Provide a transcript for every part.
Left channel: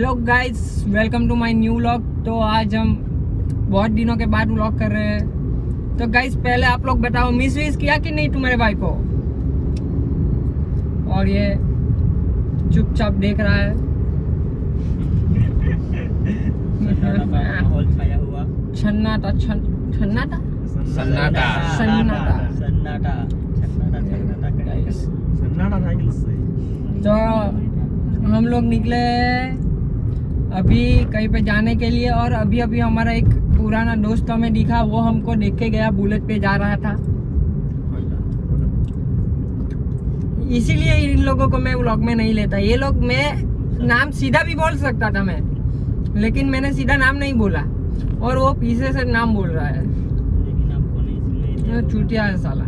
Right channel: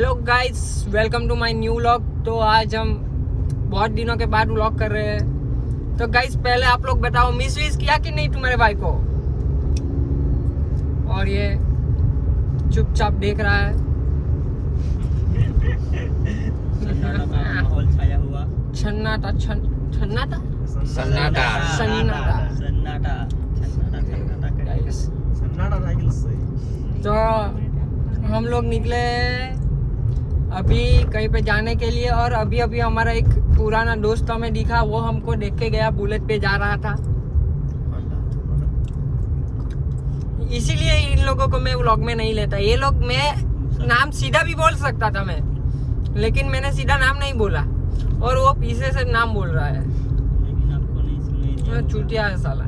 Hello guys, welcome to my new vlog. तो आज हम बहुत दिनों के बाद व्लॉग कर रहे हैं। तो गाइस पहले आप लोग बताओ, मिस विश किया कि नहीं तुम्हारे भाई को? और ये चुपचाप देख रहा है। सन्नाटा सन्नाटा सन्नाटा सन्नाटा। तो हम लोग निकले अभी कहीं पे जाने के लिए, और अभी अभी हमारा एक पुराना दोस्त हमें दिखा, वो हमको देख के गया, बुलेट पे जा रहा था। इसीलिए इन लोगों को मैं व्लॉग में नहीं लेता। ये लोग, मैं नाम सीधा भी बोल सकता था मैं, लेकिन मैंने सीधा नाम नहीं बोला, और वो पीछे से नाम बोल रहा है। चूतिया है साला।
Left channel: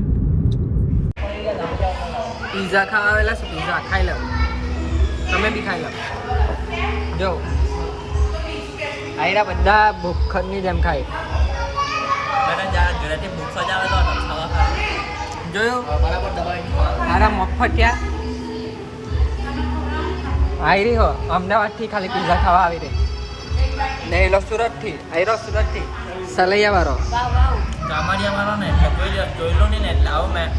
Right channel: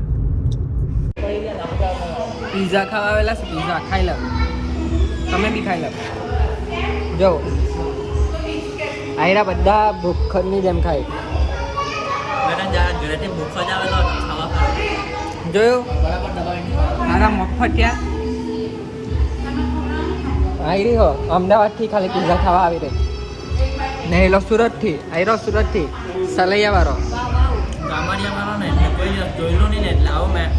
पिज्जा खावेला से पिज्जा खाई लो, તમે બી ખાઈ લો। જો આયરા બધા ભૂખની જેમ ખાય। જોયું આરા મફતિયા આયરી હો અમદાવાદથી ખાલી પિઝા ખાવા આવી રહી ને। એ લોકો સુરતથી, આયરો સુરતથી સલૈયાવાળો કામડિયાવાળો ને એટલે કોઈ દિવસ જોયેલો નહીં ને એટલે આવું મેં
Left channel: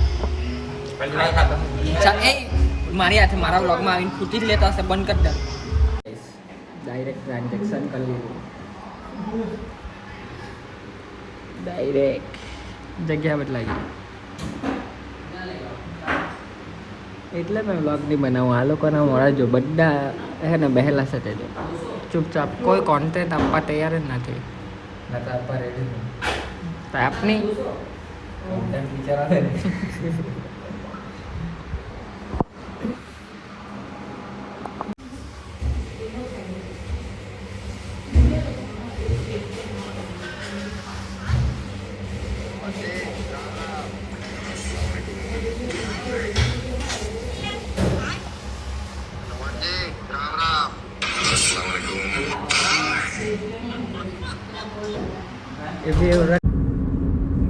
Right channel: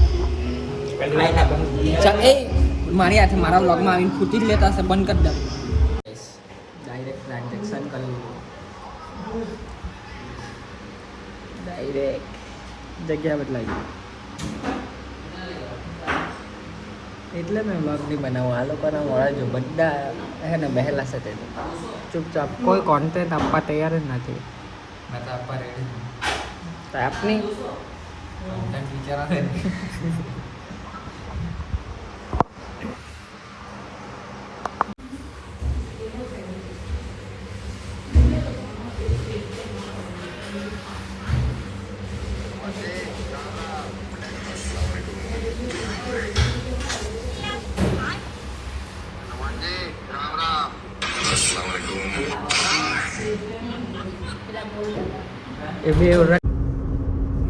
એ મારી હાથે મારા વ્લોગમાં આવીને ફૂટી જ લેતો હશે। બંધ કરી દે। ડાયરેક્ટ ટ્રાન્ઝેક્શન કરી લીધું, ડાયરેક્ટ જગ્યા બદલાઈ ગઈ। એટલે મેં વ્લોગ નહીં બનાવું। આ લોકોને મળે જો બધા હે ને બહેલા સાથે ચૂપચાપ, કોઈ કોન્ટેન્ટ આપવા તૈયાર જ નથી। મેં તો આપવા રેડી છું આપની કોન્ટેન્ટ વિચારા ને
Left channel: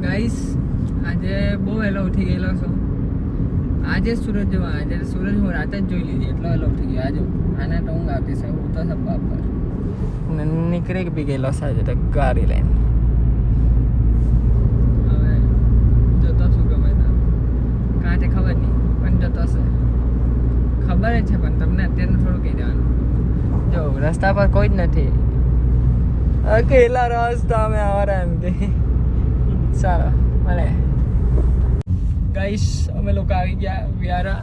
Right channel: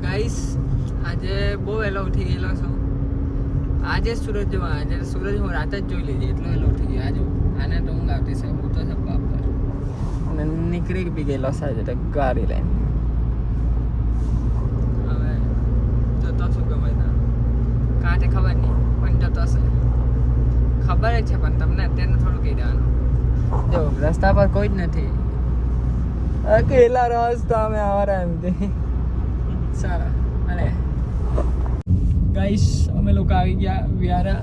ગાઈસ આજે બહુ વહેલો ઉઠી ગયેલો છું। આજે સૂરજ જોવા, આજે સૂરજ હું રાતે જ જોઈ લીધી, એટલો વહેલો ઉઠી ગયો। આજે આને તો ઊંઘ આવતી છે, હું તો સબ્બા પર નીકળી બી ગયેલો છે આજે તો ગાડી લઈને। હવે જતો છું ગમે ત્યાં, કાં તે ખબર નહીં પણ જતો છે, ખબર જ છે પણ તમને અત્યારે થોડું કહી દેવાનું। જો રસ્તા પર કોઈ જ નથી, અકેલા રાસ્તા में आ रहा है સારા મળે। ગાઈસ અમે લોકો આવી ગયા વ્યારા।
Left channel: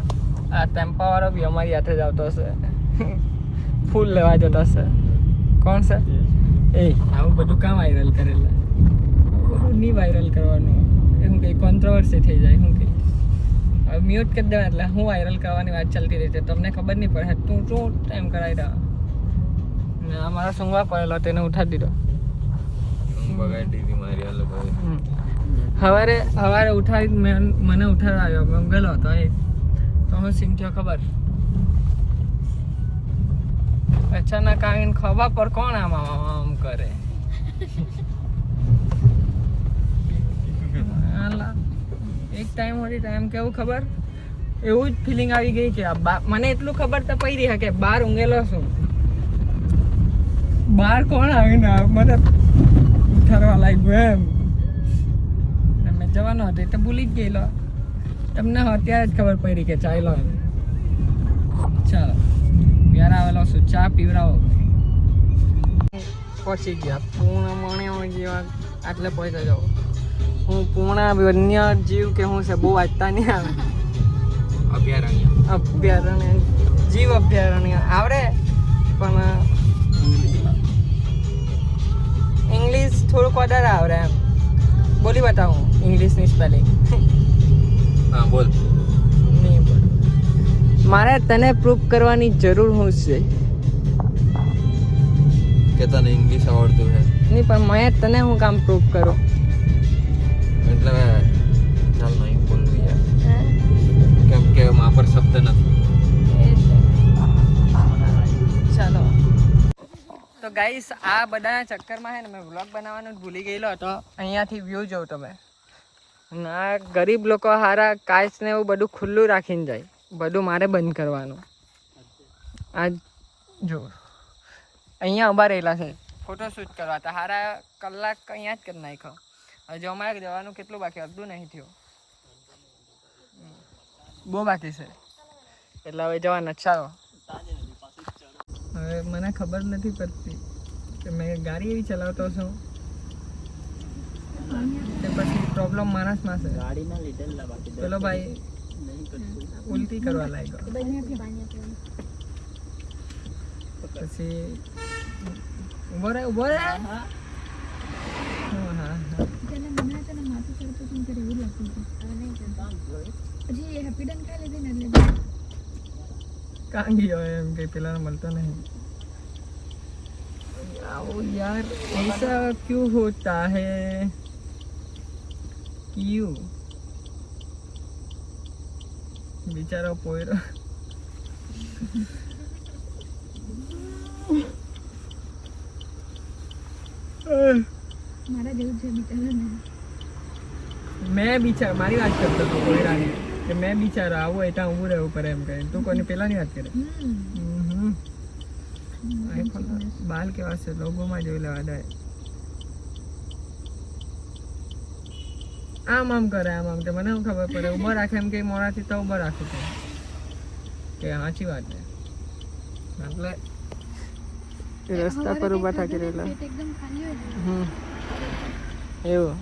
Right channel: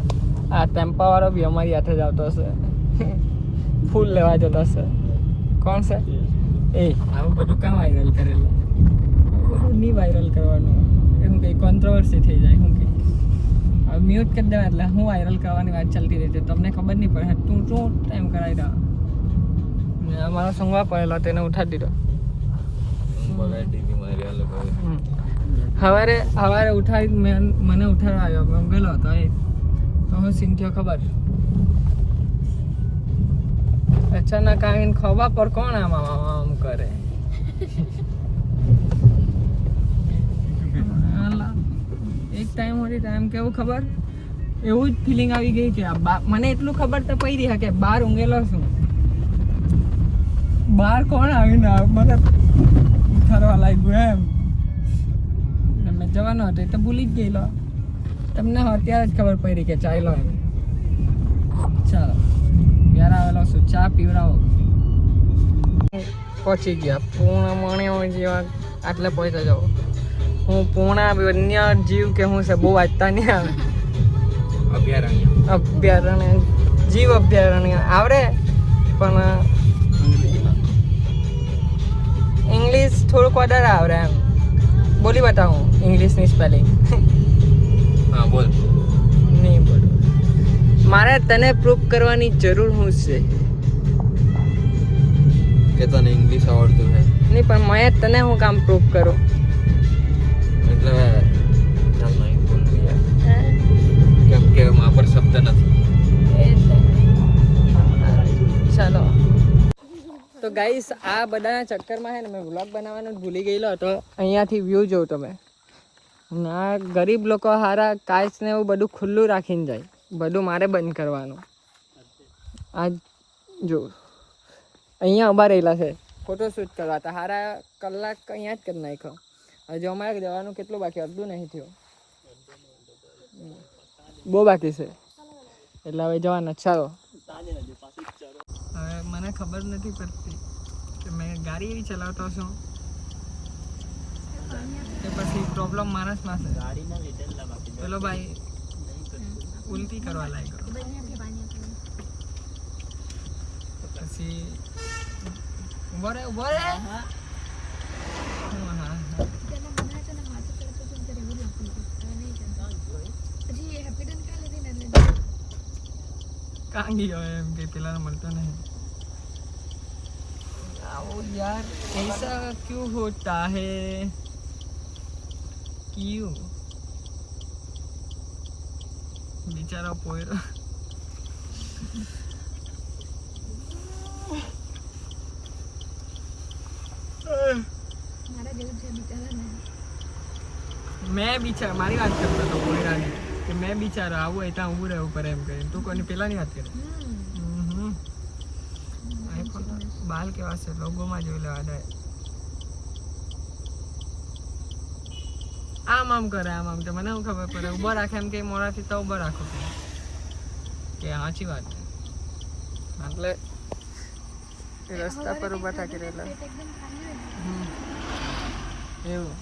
આ ટેમ્પાવાળો બી અમારી હાથે જ આવતો હશે, ફૂલ લેવા જતો હશે। કોણ છે એ? આવું બધું કામ વાયરલ કરેલા, નહીં વાયરલ કરવાનું, એમ કંઈ કોન્ટ્રોવર્સી થઈ જાય। શું કંઈ હવે મ્યુટ કરી દેવા, એટલે હું વાયરલ કરવાની વાત ચાલતી રહી છે, તમને ખબર નહીં પડે। તું શું ટાઈમ કરાવી રહ્યો ને? આ મારા સૂંઘવા પડેલો, તેને ઉઠાડી દીધો। બગાડી દીધી મારી આ લોકોએ। સવારે ઉઠાડી મને ઉઠાડ્યો, મેં ગયેલો હતો એ તો હું સીન થયો ખબર? અચાનક આવીને ખવા પર કોણ આમ કરે? એક ટાઈમ હતી ટાઈમ કેવું ખબર, એવું જ ફિલિંગ આવી ગઈ કે મને એટલું ખબર તો પડી રહી કે બહાર ઊંઘેલો છું, બહાર કોણ આવીને મને ઉઠાડવા લાગ્યું એમ। મેં જવાનો હતો એટલે ભૂલી જ ગયેલો, તમને અત્યારે જ ખબર પડી કે ચાલો એમ। ચાલો યાર આવેલો છું, ચા પીવડાવો। પહોંચી ગયા પૂર્ણ મણ્યો જેવા, આટલે પહોંચતા જાઓ। હું પૂર્ણા વન્ય જીવ કે હું છે બહુ વાંચતા નહીં આવે। અભયારણ્ય, જીવ અભયારણ્ય આવડે પણ ઇંગ્લિશ થોડુંક વધારે આવડે એમ। બોલી બતાવું ઇંગ્લિશની સ્પેલિંગ? હા બોલ। નહીં બોલ, મારે તને પ્રૂફ કરવાની જરૂર શું છે કે તને ઇંગ્લિશ આવડતું છે? નહીં પણ મેં તને હું કામ પ્રૂફ કરું? એટલે ચાલ નહીં બોલવું યાર, કેમ કે મારા પર શબ્દ નથી। ચાલો તો ગાઈસ આ બધા ચક્કરમાં છે ને મેં વ્લોગ બનાવવાનું જ ભૂલી ગયેલો હતો। અહીંયાથી વ્યૂ જોઉં તમે, ના ગરીબ લોકો હારા કાચ ને એવું બધું ખુલ્લું રાખીને જાય, બધું મારે બંધ કરવાનું। આ જો અહીંયા ઊભા રહેલા છે ફોટોશૂટ કરવા. તો હારા કલાક અહીંયા જ કરી નાખ્યો. હજુ અમારે જવાનું કેટલું બાકી, અડધું નહીં થયું, બહુ બાકી છે. એટલે હવે જવાના. ચાલો. હવે મને ખબર નથી પડતી કે મેં ગાડી એવી ચલાવતો છું તે પછી પ્રોબ્લેમ માણસમાં છે. પેલો ભાઈ ઉલટી કરવા લાગ્યો, પછી ઉભો રહે. હા હા કાં ગયો એમ કે પેલાને મળતો નહીં. आओ यार, ऐसा क्यों होता है? क्यों? बेचारा पोयरो. मैं बिचारा मारी बात करता था पोयरा ने कि मैं बिचारा आવો એટા ઊભું રહેવું પડે એમ કહે. તું કોની પેલાની વાત કરે? આઈફોન બાલ કેવા છે, લોગોમાં જોઈ લેવા દે. આમ કરે, આમ તો મને શું ખબર પડે. ઊભો રાખે એમ કે મોડાથી તો ઊભો રાખો કે સાચી વાત છે. એટલે રસ્તા પર ઊભા થાકી રહેલા. એવું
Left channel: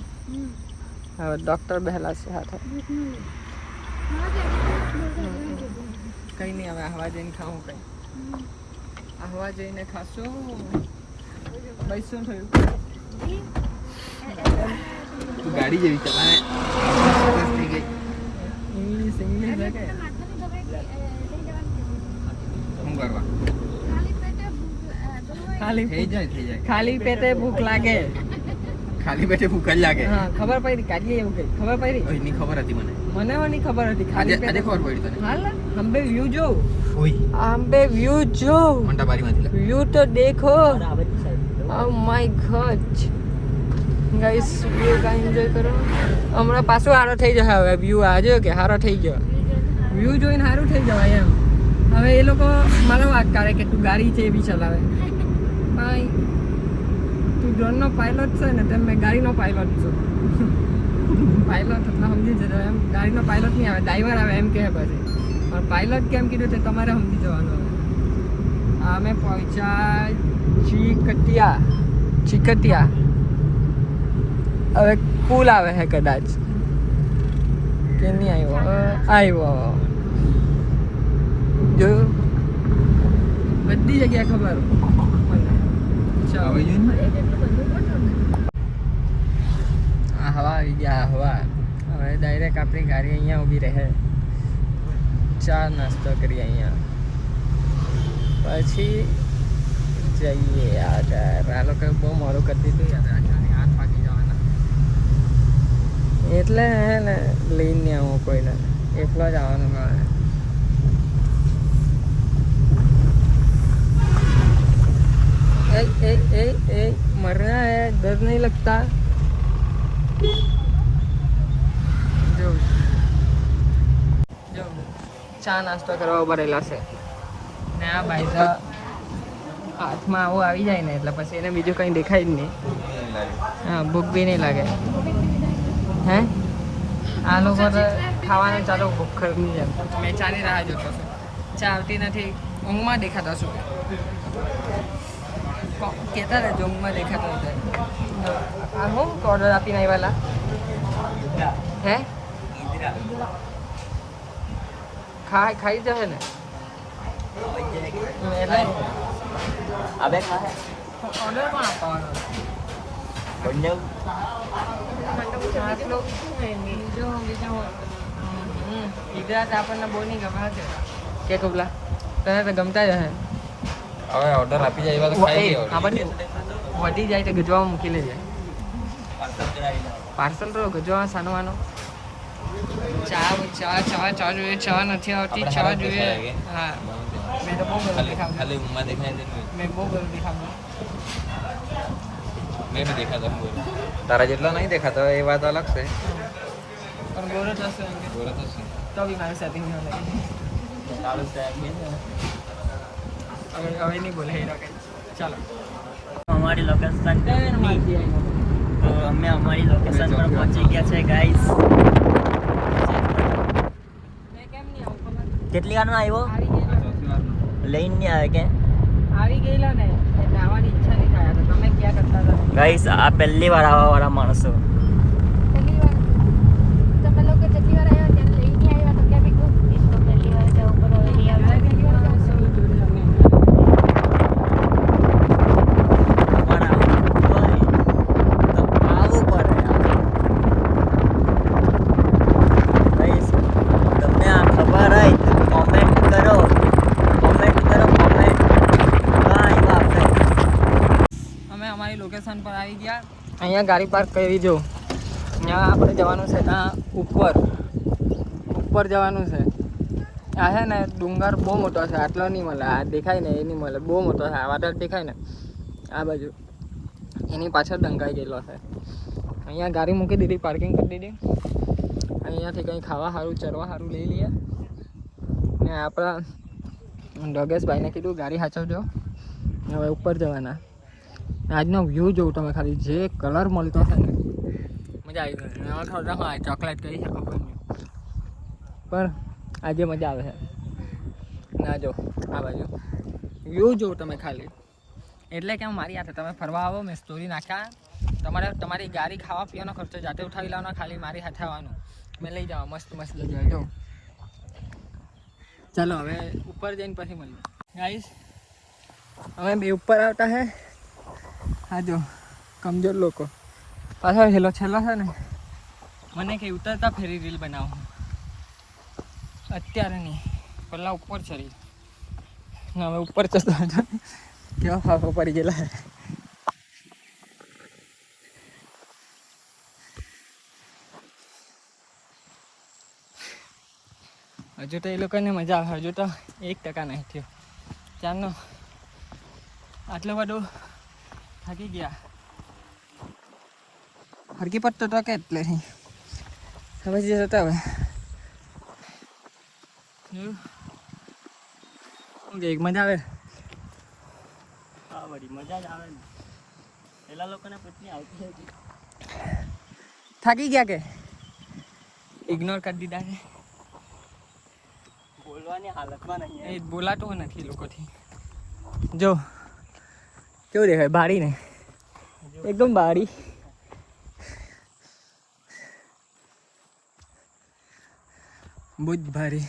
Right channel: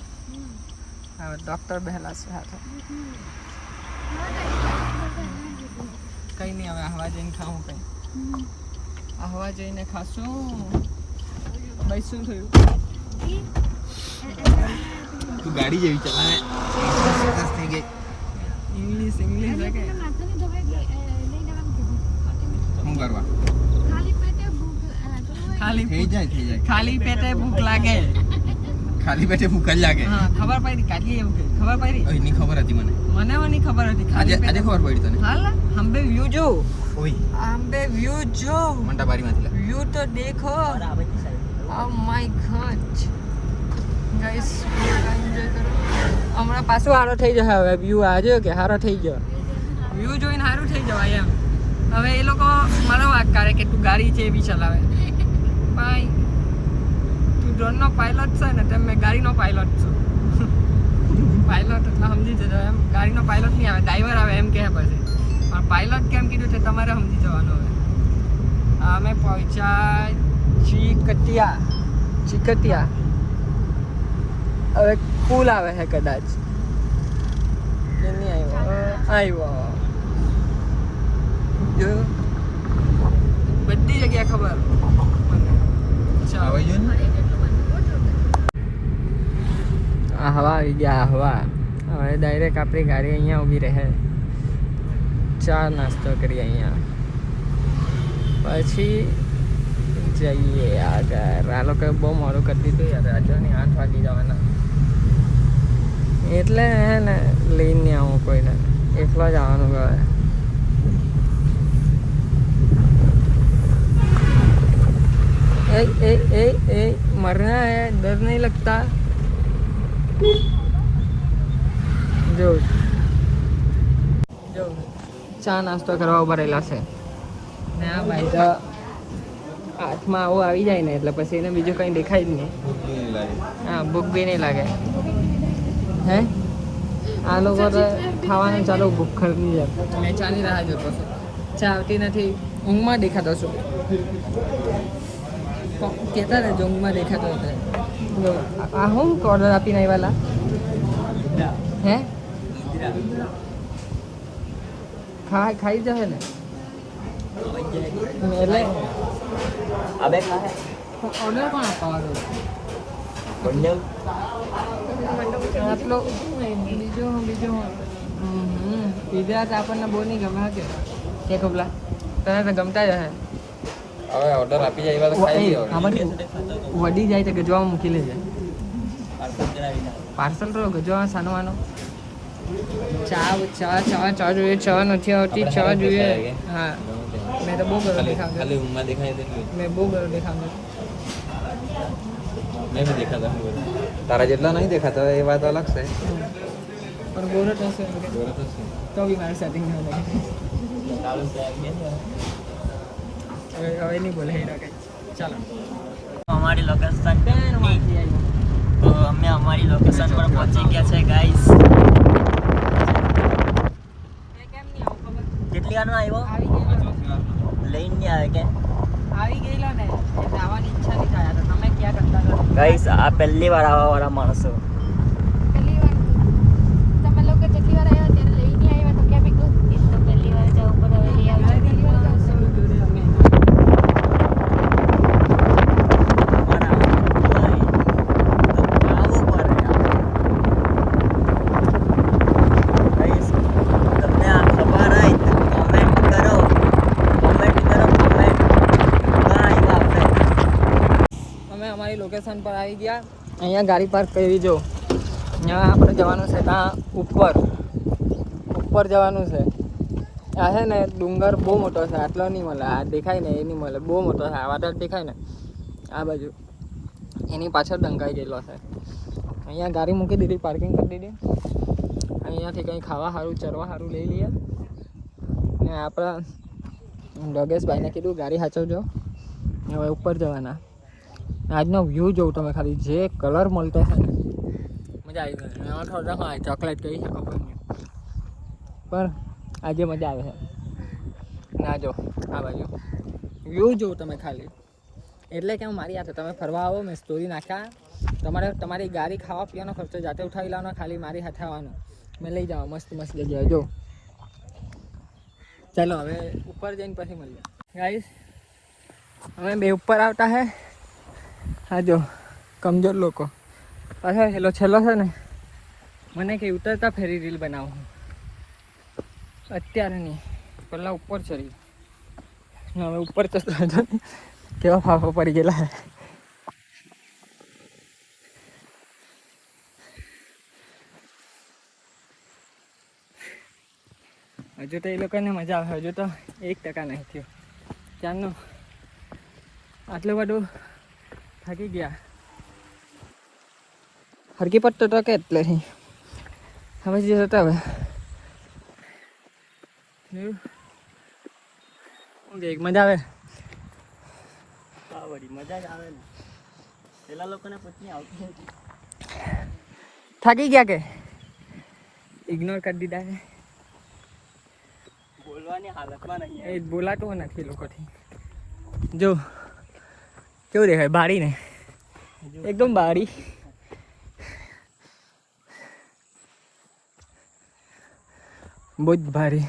હવે ડૉક્ટર બેહેલા છે હાથે. કંઈ નહીં, હવે હવા જઈને ખાવું કંઈ. હવા જઈને ખાશું. ભાઈ શું થયું? તું ગાડી જેવી ચલાવે, થઈ ગઈ. ઇંગ્લિશ લાગે. શું કરવા? ખાલી પેટે ભૂખ લાગે. ખાલી પેટે ભૂખ જ લાગે. હા, ખબર પડી. કાઢીએ એવું કઈ ખબર પડી? એની ખબર હતી મને. મને ની ખબર હતી. ખાલી પેટે ખબર પડી તને? હાલ હંબે વ્યૂ જો. હંબે વ્યૂ જો. વ્યૂ તો દેખો. Oh my God guys, view કા એન્જોય કરો. હમણાં પાછું હારો થઈ જશે. હવે વ્યૂ આજે કે હારો થઈ ગયો. વ્યૂ જોઈને સારું થઈ જવાય એમ. હવે એ લોકો મને વાત કરે કે તું ગાડી છે એવી ચલાવે. ભાઈ તું ડ્રોનનો પાયલોટ છે ને, તેમ મેં ગાડીનો પાયલોટ છું. પાયલોટ એટલે સમજી જજો એમ. ગાડીનો પાયલોટ નહીં આવે, ડ્રાઈવર આવે એમ કહે પછી. પણ પાયલોટ કેમ કીધું તે તમારે સમજી જવાનું. હવે અમે પહોંચ્યા ચીકટિયા. હવે પુલ આવે છે કદાચ કે નહીં આવ્યો. જો બધી જગ્યા ખબર મને. હવા આવી ગયા. હવા હવે ડાયરેક્ટ આપણી ગાડી અહીંયા ઊભી રહે. ચા નાસ્તો કરીએ અહીંયા, પછી જઈએ. આ લોકોએ બહુ મોડું કરી દીધું યાર. રાજ્યોની 8 વાગી જવાના. એટલે હે ને લઈને આવું કોઈને, એકલા જવાનું હવે. मरना है, डर नहीं लगता. जो ચા નાસ્તો કરવા ભરેલા છે ને આ ભાઈ તો હાથમાં આવું આવી જાય ને એટલે પછી એને બીજું કંઈ દેખાય જ નહીં. નહીં લાગે. હે આ લોકો તો ખાવાનું ચાલુ ભૂખરની જેમ. મેં ચાની રાહ જોતો છું, ચા આવતી નથી. ઊંઘમાં દેખાતો છું. કહેતા ને ઊંઘમાં દેખાતો હતો. આ હું ઓર્ડર આપીને આવ્યા હે? ખાઈ જશે ને એટલે ઓર્ડર કોણ આપવાનો? બીજો ગુજરાત આપણને બહુ નહીં ગમે હતી કે તું તને તો ગમતા જ હશે. હવે ઓર્ડર આપી જાય એવા તો ખાઈ ગયો. આ બધું વડી જાય તો ગજવા મૂકી લેજે. પાર્સલ તો ગજવા સાનવાનો. ચા જોઈએ. ચા નથી આવતી. ચા જોઈએ. હા, મેં તો બહુ ગરમ દેખાડું. ખાલી ઊંઘમાં દેખાય તેટલું. મેં બહુ ગરમ દેખાડું. મેં બી દેખાતા. તારા જેટલો નહીં દેખાતો એ વાત અલગ છે. પણ ગોરો તો હશે ગોરો તો છે તો બી મારું સેટિંગ ન લાગે. હવે નહીં બોલે હેરા કઈ. ચાલો અમારી લોકેશન તો અમે અમારી લોકેશન પર પહોંચી ગયા છે ગાઈસ. કેટલી વારમાં આવ્યો? લઈને આવે કે આવી ગયેલો ને એટલે આવવાની ઈચ્છા નહીં થાય તો તમે ક્યાં કરતા હતા ગાઈસ આ પહેલી વાર આવવા વાળા માણસો. પહેલી વાર તમે લોકો જેટલી વાર આવ્યા ત્યારે લઈને આવ્યા તો કેમ એકલું એ તો પહેલી વાર જવું પડે હવે લઈ આવજો. અમે અમારી લોકેશન પર આવી ગયા. અહીંયા ગાડી પાર્ક કરી દો. અહીંયા આપણે જવાનું છે ત્યાં ઉપર જવાનું છે. આ છે ને ડુંગર બહુ મોટો છે, આટલો નહીં મળે, આ દેખાય ને એ નહીં મળે, બહુ મોટો છે. આ વાદળ દેખાય ને આ બાજુ એની પાછળ ડંકાઈ ગયેલો છે. અહીંયા ગાડી મૂકી દીધી, પાર્કિંગ કરી દીધી. અહીંયાથી કંઈ ખાવા સારું ચરવા સારું લઈ લઈએ. ને આપણા ડગેશભાઈને કીધું ગાડી સાચવજો. હવે ઉપર જવાના. આજનો વ્યૂ જોઉં તમે ખાલી, જે કલર મળતો છે ને મજા આવી ગઈ. એમાં થોડા ચોકલેટ કહી શકો પણ આજે મજા આવે છે. ના જો આ બાજુ વ્યૂ જોઉં તમે ખાલી, એટલે કે મારી હાથે તમે ફરવા આવો, મેં સ્ટોરી નાખ્યા. તમારે તમારી ગાડી ખાવા પીવાનો ખર્ચો જાતે ઉઠાવી લાવવાનો, ખાલી મારી હાથે આવવાનું, મેં લઈ જાઉં મસ્ત મસ્ત જગ્યાએ. જો ચાલો હવે ઉપર જઈને પછી મળીએ ગાઈસ. અમે બે ઉપર આવતા હે. હા જો કમજોર લોકો પાછળ છેલ્લો છે ને, મને કે ઉતરતા ફેરી રીલ બનાવું અત્યારે નહીં, પહેલાં ઉપર ચડી ને હવે ઉપર ચડતો હતો કેવા ફાફા પડી ગયેલા. હજુ તો એ લોકોને મજા આવે, હજુ તો 1% નહીં થયો. ચાલનો આટલું બધું થાકી ગયા. હરકી પટ્ટો તો કે એટલે હવે જતા હવે મજા આવે. મજા જ આવે ને, પેલા લોકોને પત્ની આવતી હતી. થાકી ગયા કે ઇગ્નોર કરી દીધા છે. બોલવાની હાલતમાં નહીં. એ બોલાતું નથી લોકોથી. જો કેવું દેખાય બારી ને, એકદમ બારી. બહુ જ ભારી.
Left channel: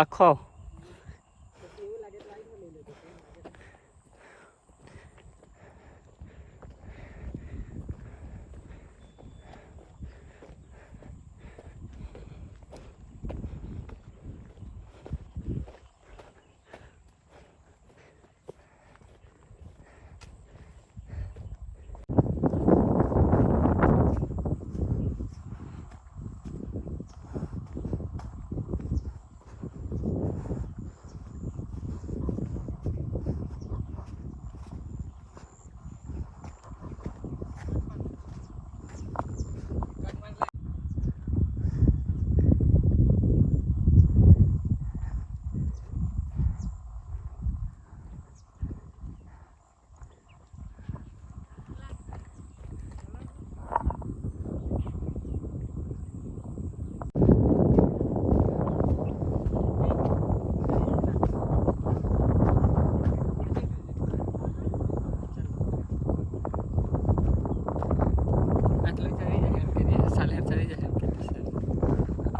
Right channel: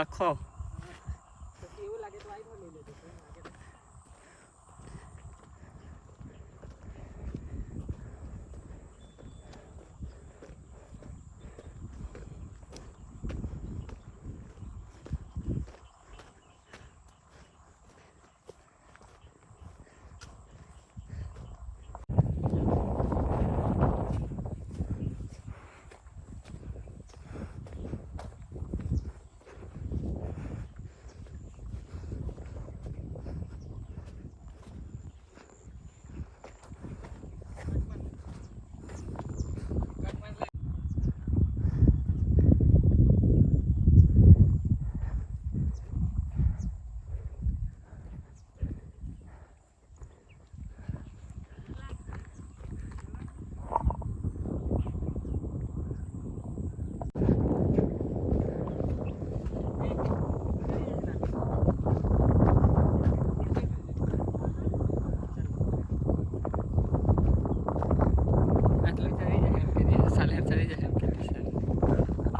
આખો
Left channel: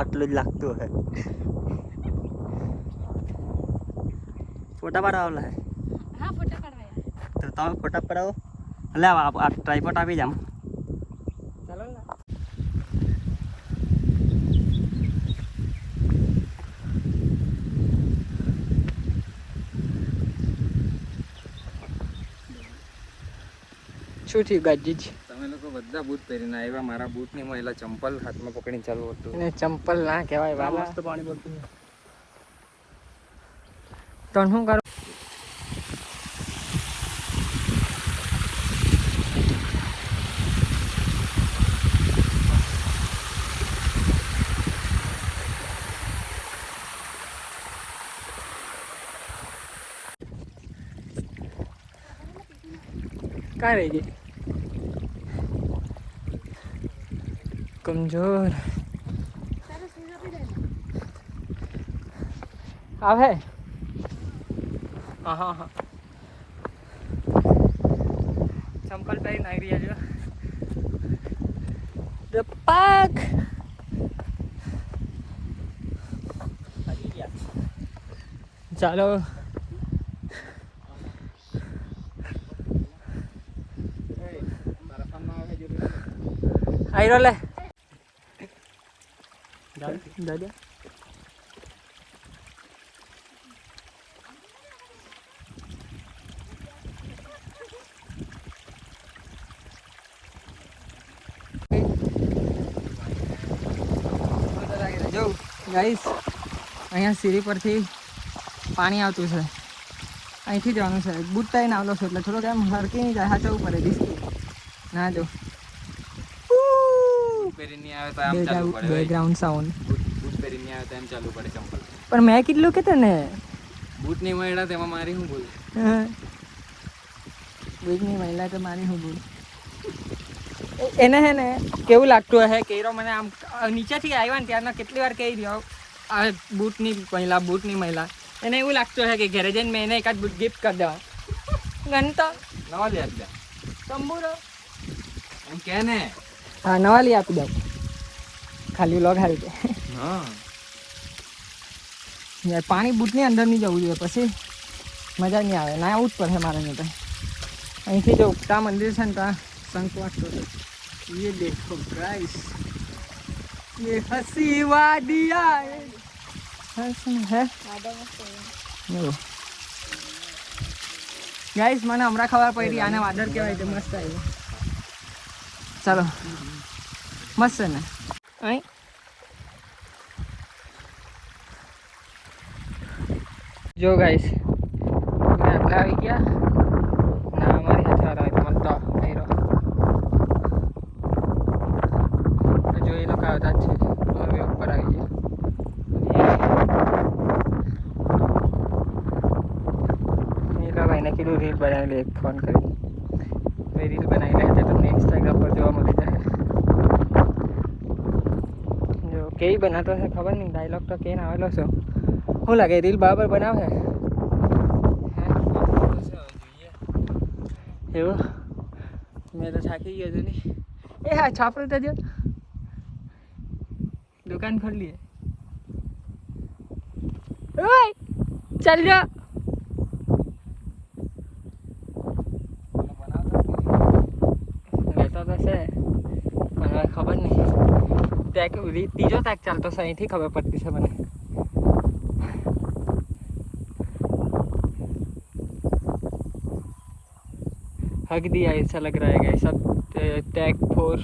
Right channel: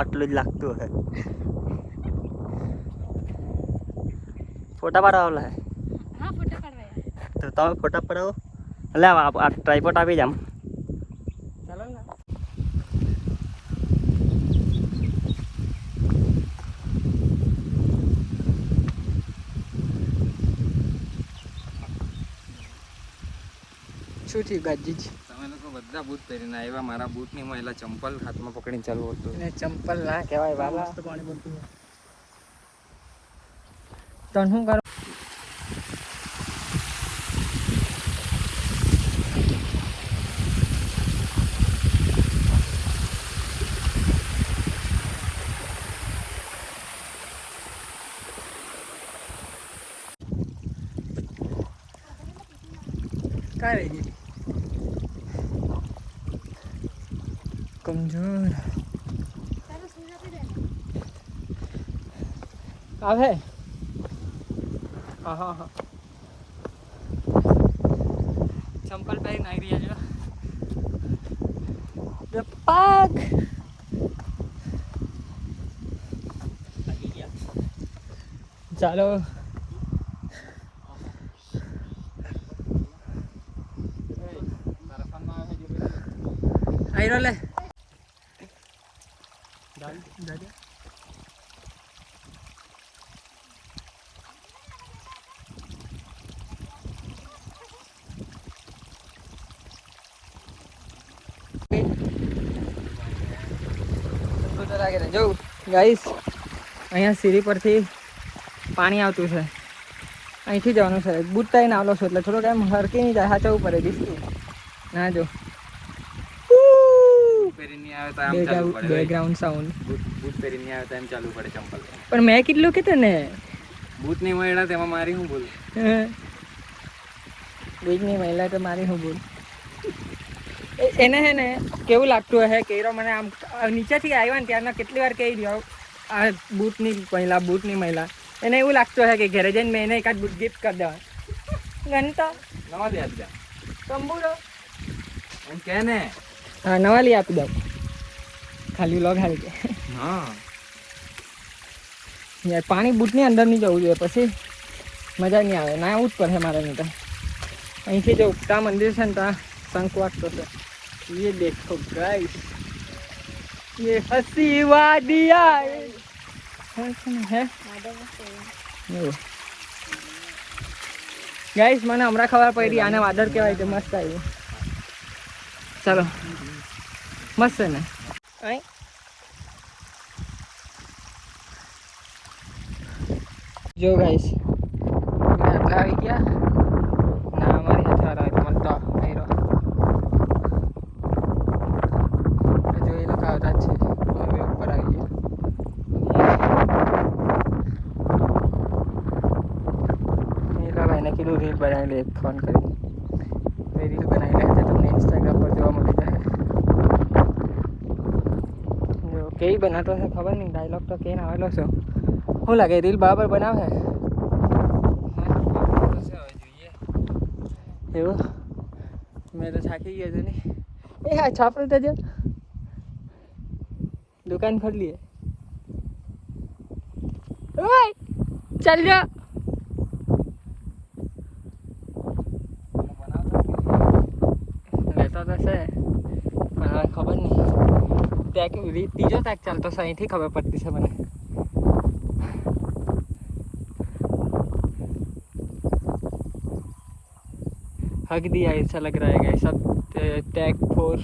આટલું જ લાગતું હે. ફોટા પાડવા હે હા ફોટા પાડવા. તો તમે ફોટા પડાવો. એટલે આ ટ્રાયપોડ આપી જામ. શું થયું ગાજી? તમે લોકો બધા બૂટ પહેરીને આવ્યા, મારા બૂટની મહિલા ચંપલ હાથમાં પકડીને ચાલુ હતું. એને ચંપલ ના કહેવાય, બા મસ્ત પાણી પડતું. તો શું કરું? ક્યાં રહી ગઈ કમજોર આવે હા ચંપલ પહેરી નાખી રહ્યા જો પાક ચાલો આયરો લે દાદા જો ગાઈસ અહીંયા સીડી પરથી પાણી આવતું છે અહીંથી જવાનું છે બૂટ પહેરીને આવેલો છું એટલે થોડુંક એમ હરકી નહીં જાય હાચવું પડે દિસકી ના જો બેકગ્રાઉન્ડ સાઉન્ડ બૂટ પહેરીને આવે તો એમ ચાલુ પડે ચંપલ પણ મેં કેટલું કીધું ને બૂટ નહીં મળ્યા તેમાં મારી હું બોલ બૂટ નહીં મળ્યા તો મારી હું બોલ એને હે ને કેવું લાગતું હે કેરો મને આમ નીચેથી આવ્યા ને ત્યારના કેટલી વાર કહી રહ્યો આ બૂટની મહિલા એને એવું લાગતું હે કે ઘરે જઈને મેં એને એકાદ બૂટ ગિફ્ટ કરી દેવા ગણતા નવા લઈ આપી દે તંબુરો એમ કે ને હા નવા લઈ આપી દઉં ખાલી લોગ હારી કે યાર પાણી બૂટની અંદર નહીં જવું જોઈએ પછી મજા નહીં આવે ના આવું જ પડે મારે નહીં તો અહીંથી જો ઉગતા મંદિર છે ને ત્યાં શંખ વાગતો છે ये देखो गाइस ये हंसी वादिया है ગાઈસ મને હમણાં ખબર પડી આને વાદળ કહેવાય તે મસ્ત આવ્યું ચાલો મસ્ત છે ને અહીં જો ગાઈસ આટલા આવી ગયા ના અમારી હાથે આવી મનતા આયરો જો એ લોકો આવતા જ છે હવે ઉપર આવી ગયા ભાઈને કીધું રીલ બનાવી લે ફોન કરી રીલ બનાવી લે તો તમને ઇન્સ્ટાગ્રામ પર જોવા મળી જાય જો કેવી બનાતો છે ખબર નહીં ડાયલોગ તો કેને આવેલો છો શું લાગે રીલ બરાબર બનાવે એવું મેં તો થાકી ગયો છું નહીં એ હા છાપરું તો જો દુકાન ખોલીએ ચાલ જા ખબર નહીં ત્રીજો તાક ચાલતો છે અહીંથી ખબર પડતી છે મને हक दिया ऐसा लग रहा है गाइस सब टैग 4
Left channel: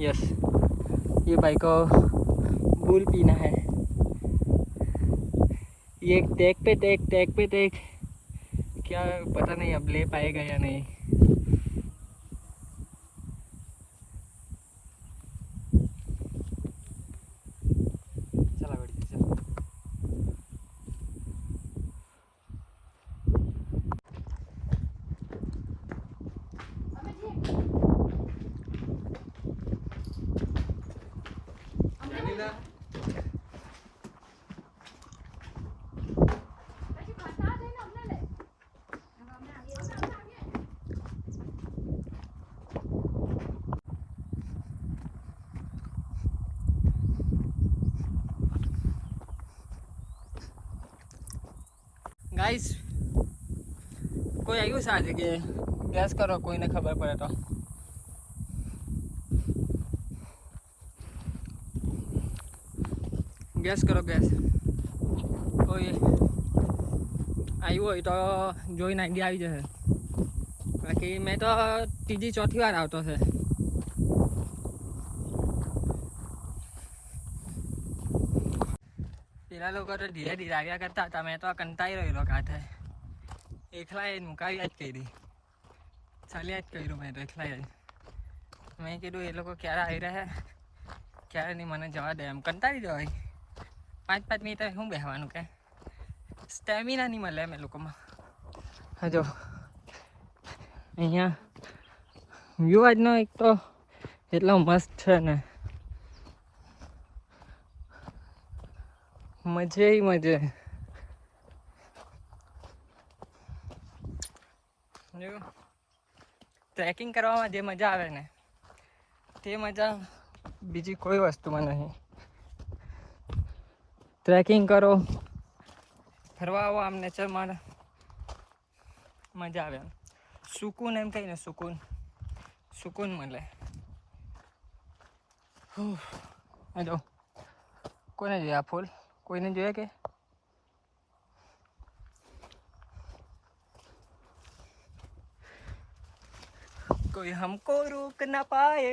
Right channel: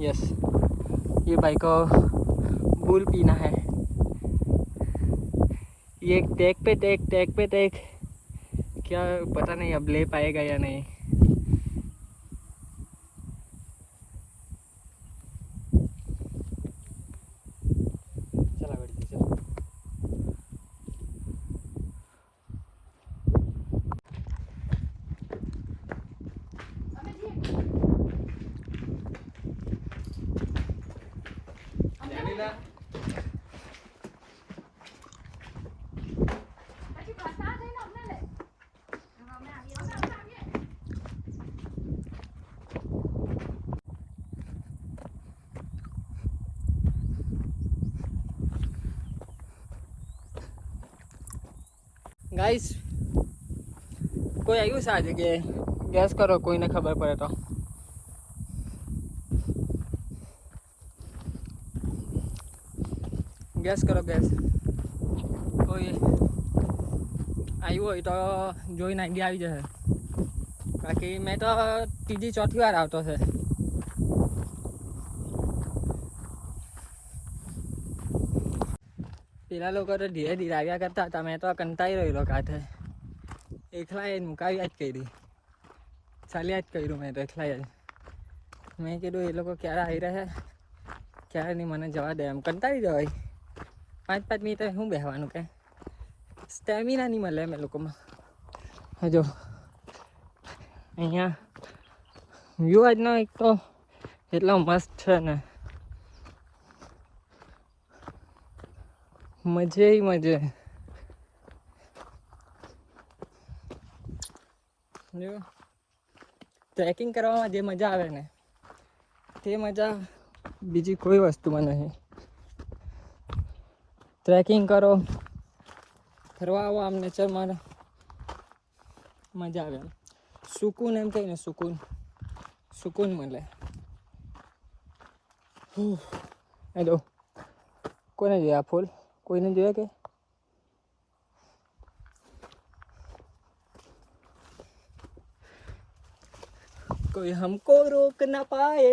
यस ये भाई को बूल पीना है ये टैग पे टैग क्या पता नहीं अब ले पाएगा या नहीं गाइस कोई आयु से आज के गैस करो कोई ने खबर पड़े तो गैस करो गैस कोई आयु हो तो જોઈને આઈડિયા આવી જશે બાકી મેં તો ત્રીજી ચોથી વાર આવતો છે પેલા લોકો તો ધીરે ધીરે આવ્યા કરતા હતા મેં તો કંટાઈ રહેલો કાંઠે એકલા એ મુકાવ્યા જ કરી ચાલ્યા જ કર્યું મેં તો એકલા જ મેં કીધું એ લોકો ક્યારે આવી રહ્યા ક્યારે નહીં મને જવા દે એમ કંટાળી જવાય 5 મિનિટ શું બેસવાનું કે સ્ટેમિના નહીં મળે એમ એ લોકોમાં હા જો અહીંયા વ્યૂ આજનો એક તો એટલા મસ્ત છે ને, મજે મજે. જો ટ્રેકિંગ કરવામાં જે મજા આવે ને તે મજા બીજી કોઈ વસ્તુમાં નહીં. ટ્રેકિંગ કરો, ફરવા આવો, આમ નેચરમાં મજા આવે. આમ સુકૂન એમ કહીને સુકૂન મળે. એ જો કોને જોયા ફૂલ? કોઈને જોયા કે? कोई हमको रोक ना पाए,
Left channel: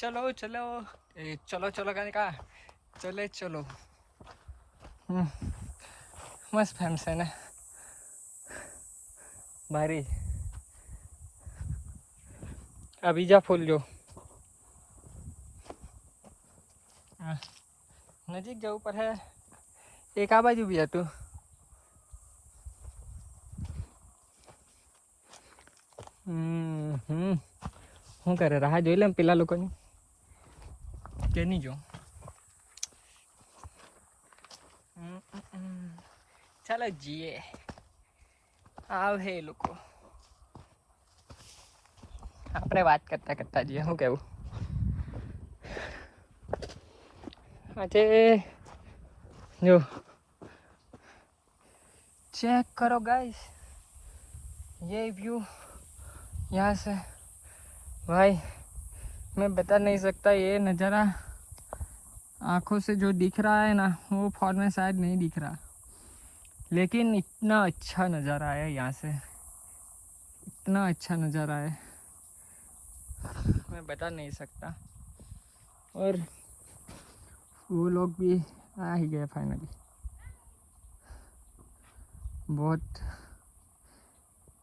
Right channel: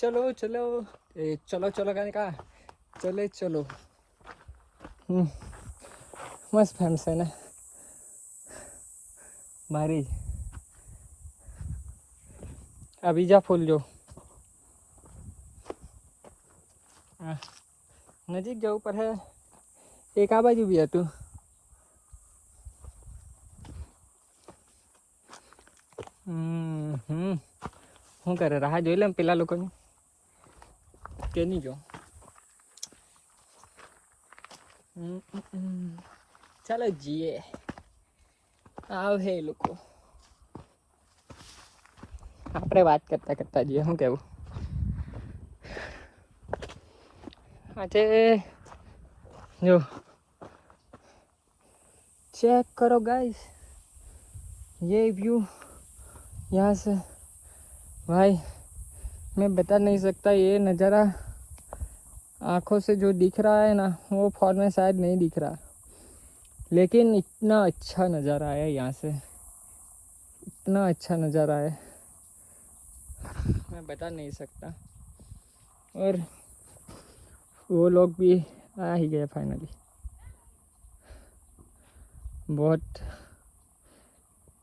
चलो चलो चलो चलो कहने का चले चलो. मस्त फेमस है ना भारी. अभी जा फूल जो नजीक जाऊँ पर है एक आ बाजू भी है तू. શું કરે? રાહ જોઈ લે ને પેલા લોકોની કે નહીં જો. ચાલો જીએ. આવ હે લોકો, આપણે વાત કરતા કરતા જઈએ. શું કેવું? આજે જો चेक करो गाइस, ये व्यू यहाँ से भाई मैं बता नहीं सकता. ये नज़ारा आँखों से जो दिख रहा है ना वो फोन में शायद नहीं दिख रहा, लेकिन इतना अच्छा नज़ारा है यहाँ से, इतना अच्छा नज़ारा है मैं बता नहीं सकता. और वो लोग भी आ ही गए फाइनली. बहुत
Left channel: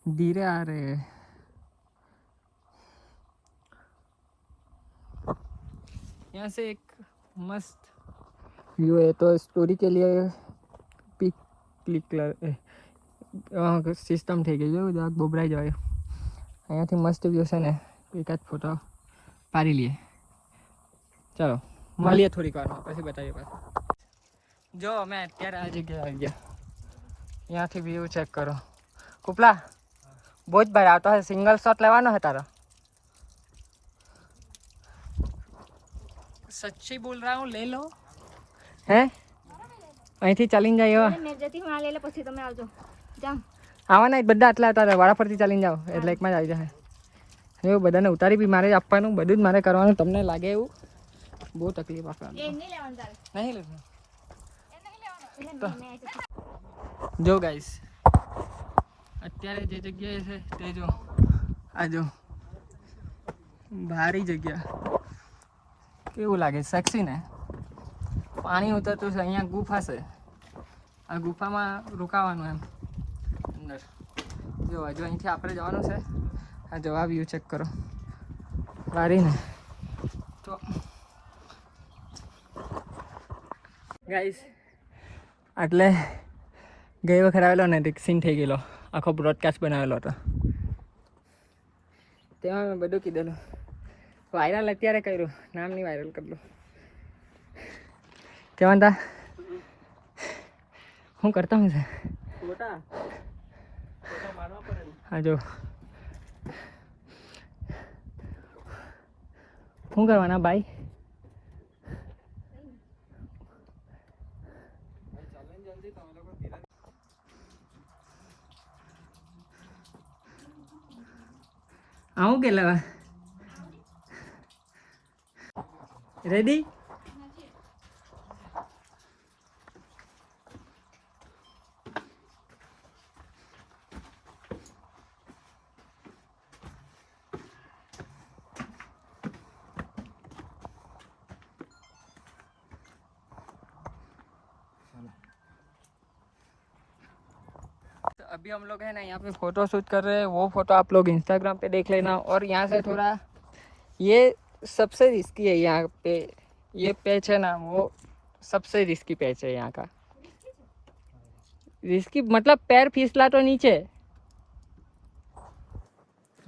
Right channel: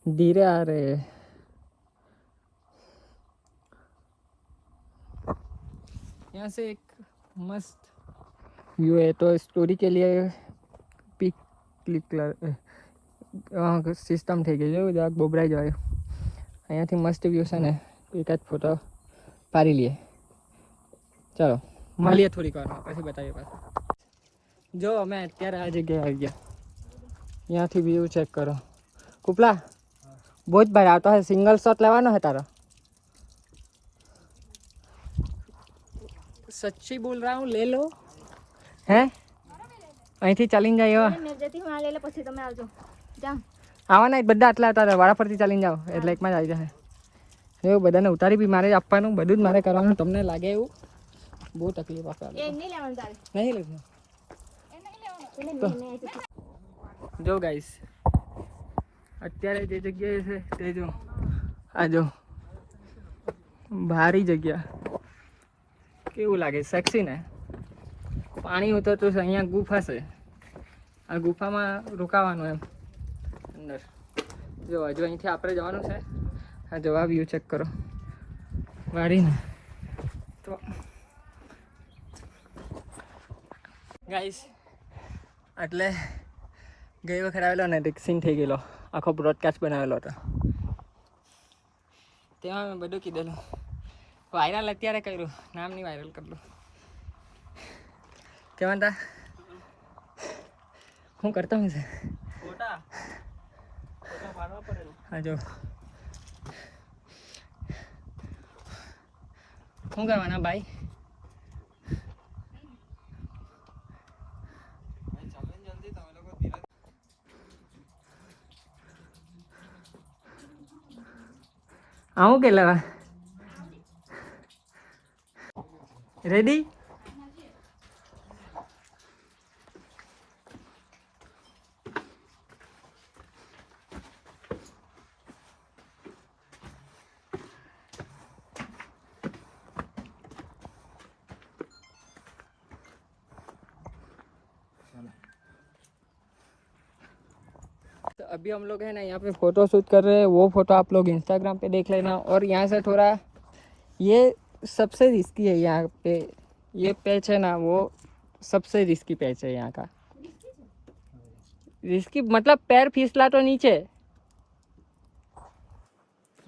धीरे आ रहे हैं. यहाँ से एक मस्त व्यू है, तो स्टोरी के लिए पिक क्लिक सिस्टम થઈ ગયું છે. જરાક બોબરાઈ જાય. અહીંયાથી મસ્ત વ્યૂ છે ને, એક જ ફોટો પાડી લઈએ. ચાલો મળીએ થોડીક વાર પછી બતાવીએ પાછું. જો અમે અત્યારે આ જગ્યાએ આવી ગયા. અહીંયાથી વ્યૂ ચેક કરો. કુપલા બહુ જ ભાઈ આવતો હશે. સિંગલ શોટ લેવાનો છે તારો? સચ્ચી બોલ રહા હું, ले लो. હે અહીંથી ચાલીને જાય એવા મેં જતી હું આ લઈ લે, પછી તમે આવજો. જાઓ આવવાના બધા આટલા હતા, વાળા ફરતી ચાલીને જાઓ એટલે એકમાં જ આવી જાય. એવું બધાને ઉતારી બી મારે આપવાનું, બધું જ મારે કરવાનું. તમને લાગે એવું બહુ તકલીફ આપવાનું. એ નહીં લેવાનું તારે, નહીં લેવું. એ નહીં લેવાનું. એટલે મેં જો ગાઈસ અત્યારે જે જગ્યાએ છે તે જો, આ જો ભારી જગ્યા. કેવું લાગે? સેક્સી ને? પાણી ઉતરતું છે. અહીંયા ગુફા છે, આ ગુફામાં રોકાવાનું એમ અંદર. જો હજુ અહીંથી આપણે જવાનું છે. આ જવા વ્યૂ ચેક કરો વારીને. તો ગાઈસ એટલે ગઈ વખત આવેલો ને એક સીન થઈ ગયેલો, આખો બ્રોડકાસ્ટ બનાવેલો હતો. તેમાં મેં બધું કીધેલું. વાયરલ અત્યારે કર્યું, નામ નહીં વાયરલ કરેલું. કેવા તા હું કરતા હું છે? હા જો શું કરવાના ભાઈ? આવું કે લેવા રેડી? तो अभी हम लोग है ना यहाँ पे फ़ोटो शूट कर रहे हैं. वो फ़ोटो आप लोग इंस्टाग्राम पे देख लेना. और यहाँ से थोड़ा ये सबसे रिस्की है यहाँ पे. ये पैच है ना वो सबसे रिस्की पैच है यहाँ का. रिस्की मतलब पैर फिसला तो नीचे.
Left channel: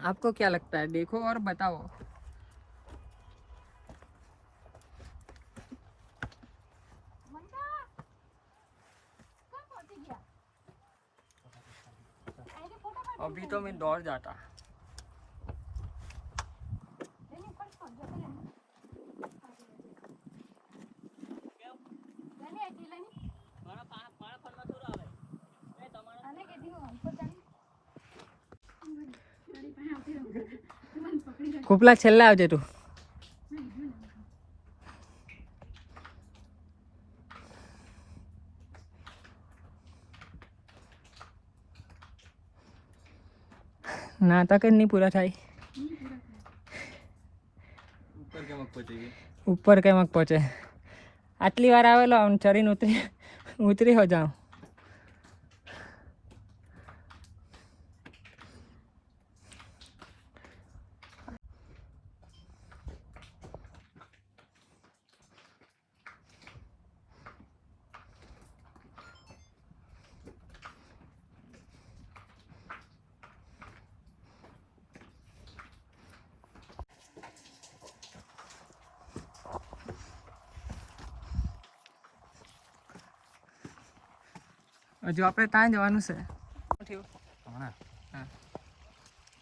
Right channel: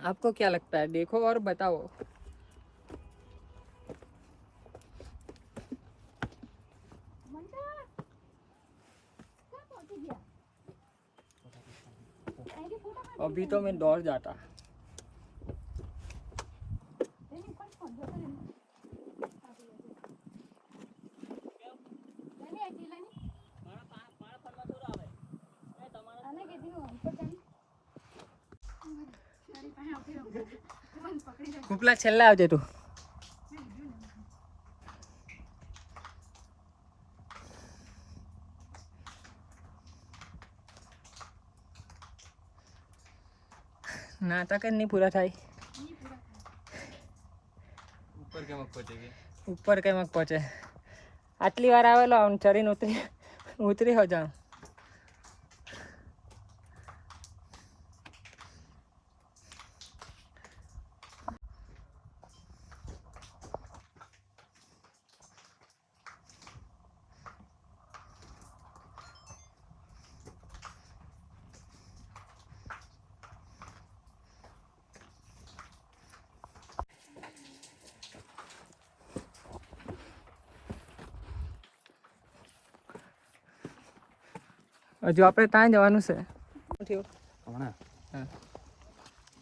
आपको क्या लगता है? देखो और बताओ। अभी तो मैं दौड़ जाता। કુપલા છેલ્લા આવજે તું. નાટક જ નહીં પૂરા થાય. ઉપર કેમ પહોંચી ગઈ? ઉપર કેમ પહોંચે? આટલી વાર આવેલો ચરીને ઉતરી હો જાઉં. હજુ આપણે ત્યાં જવાનું છે. શું થયું? હમણાં હા,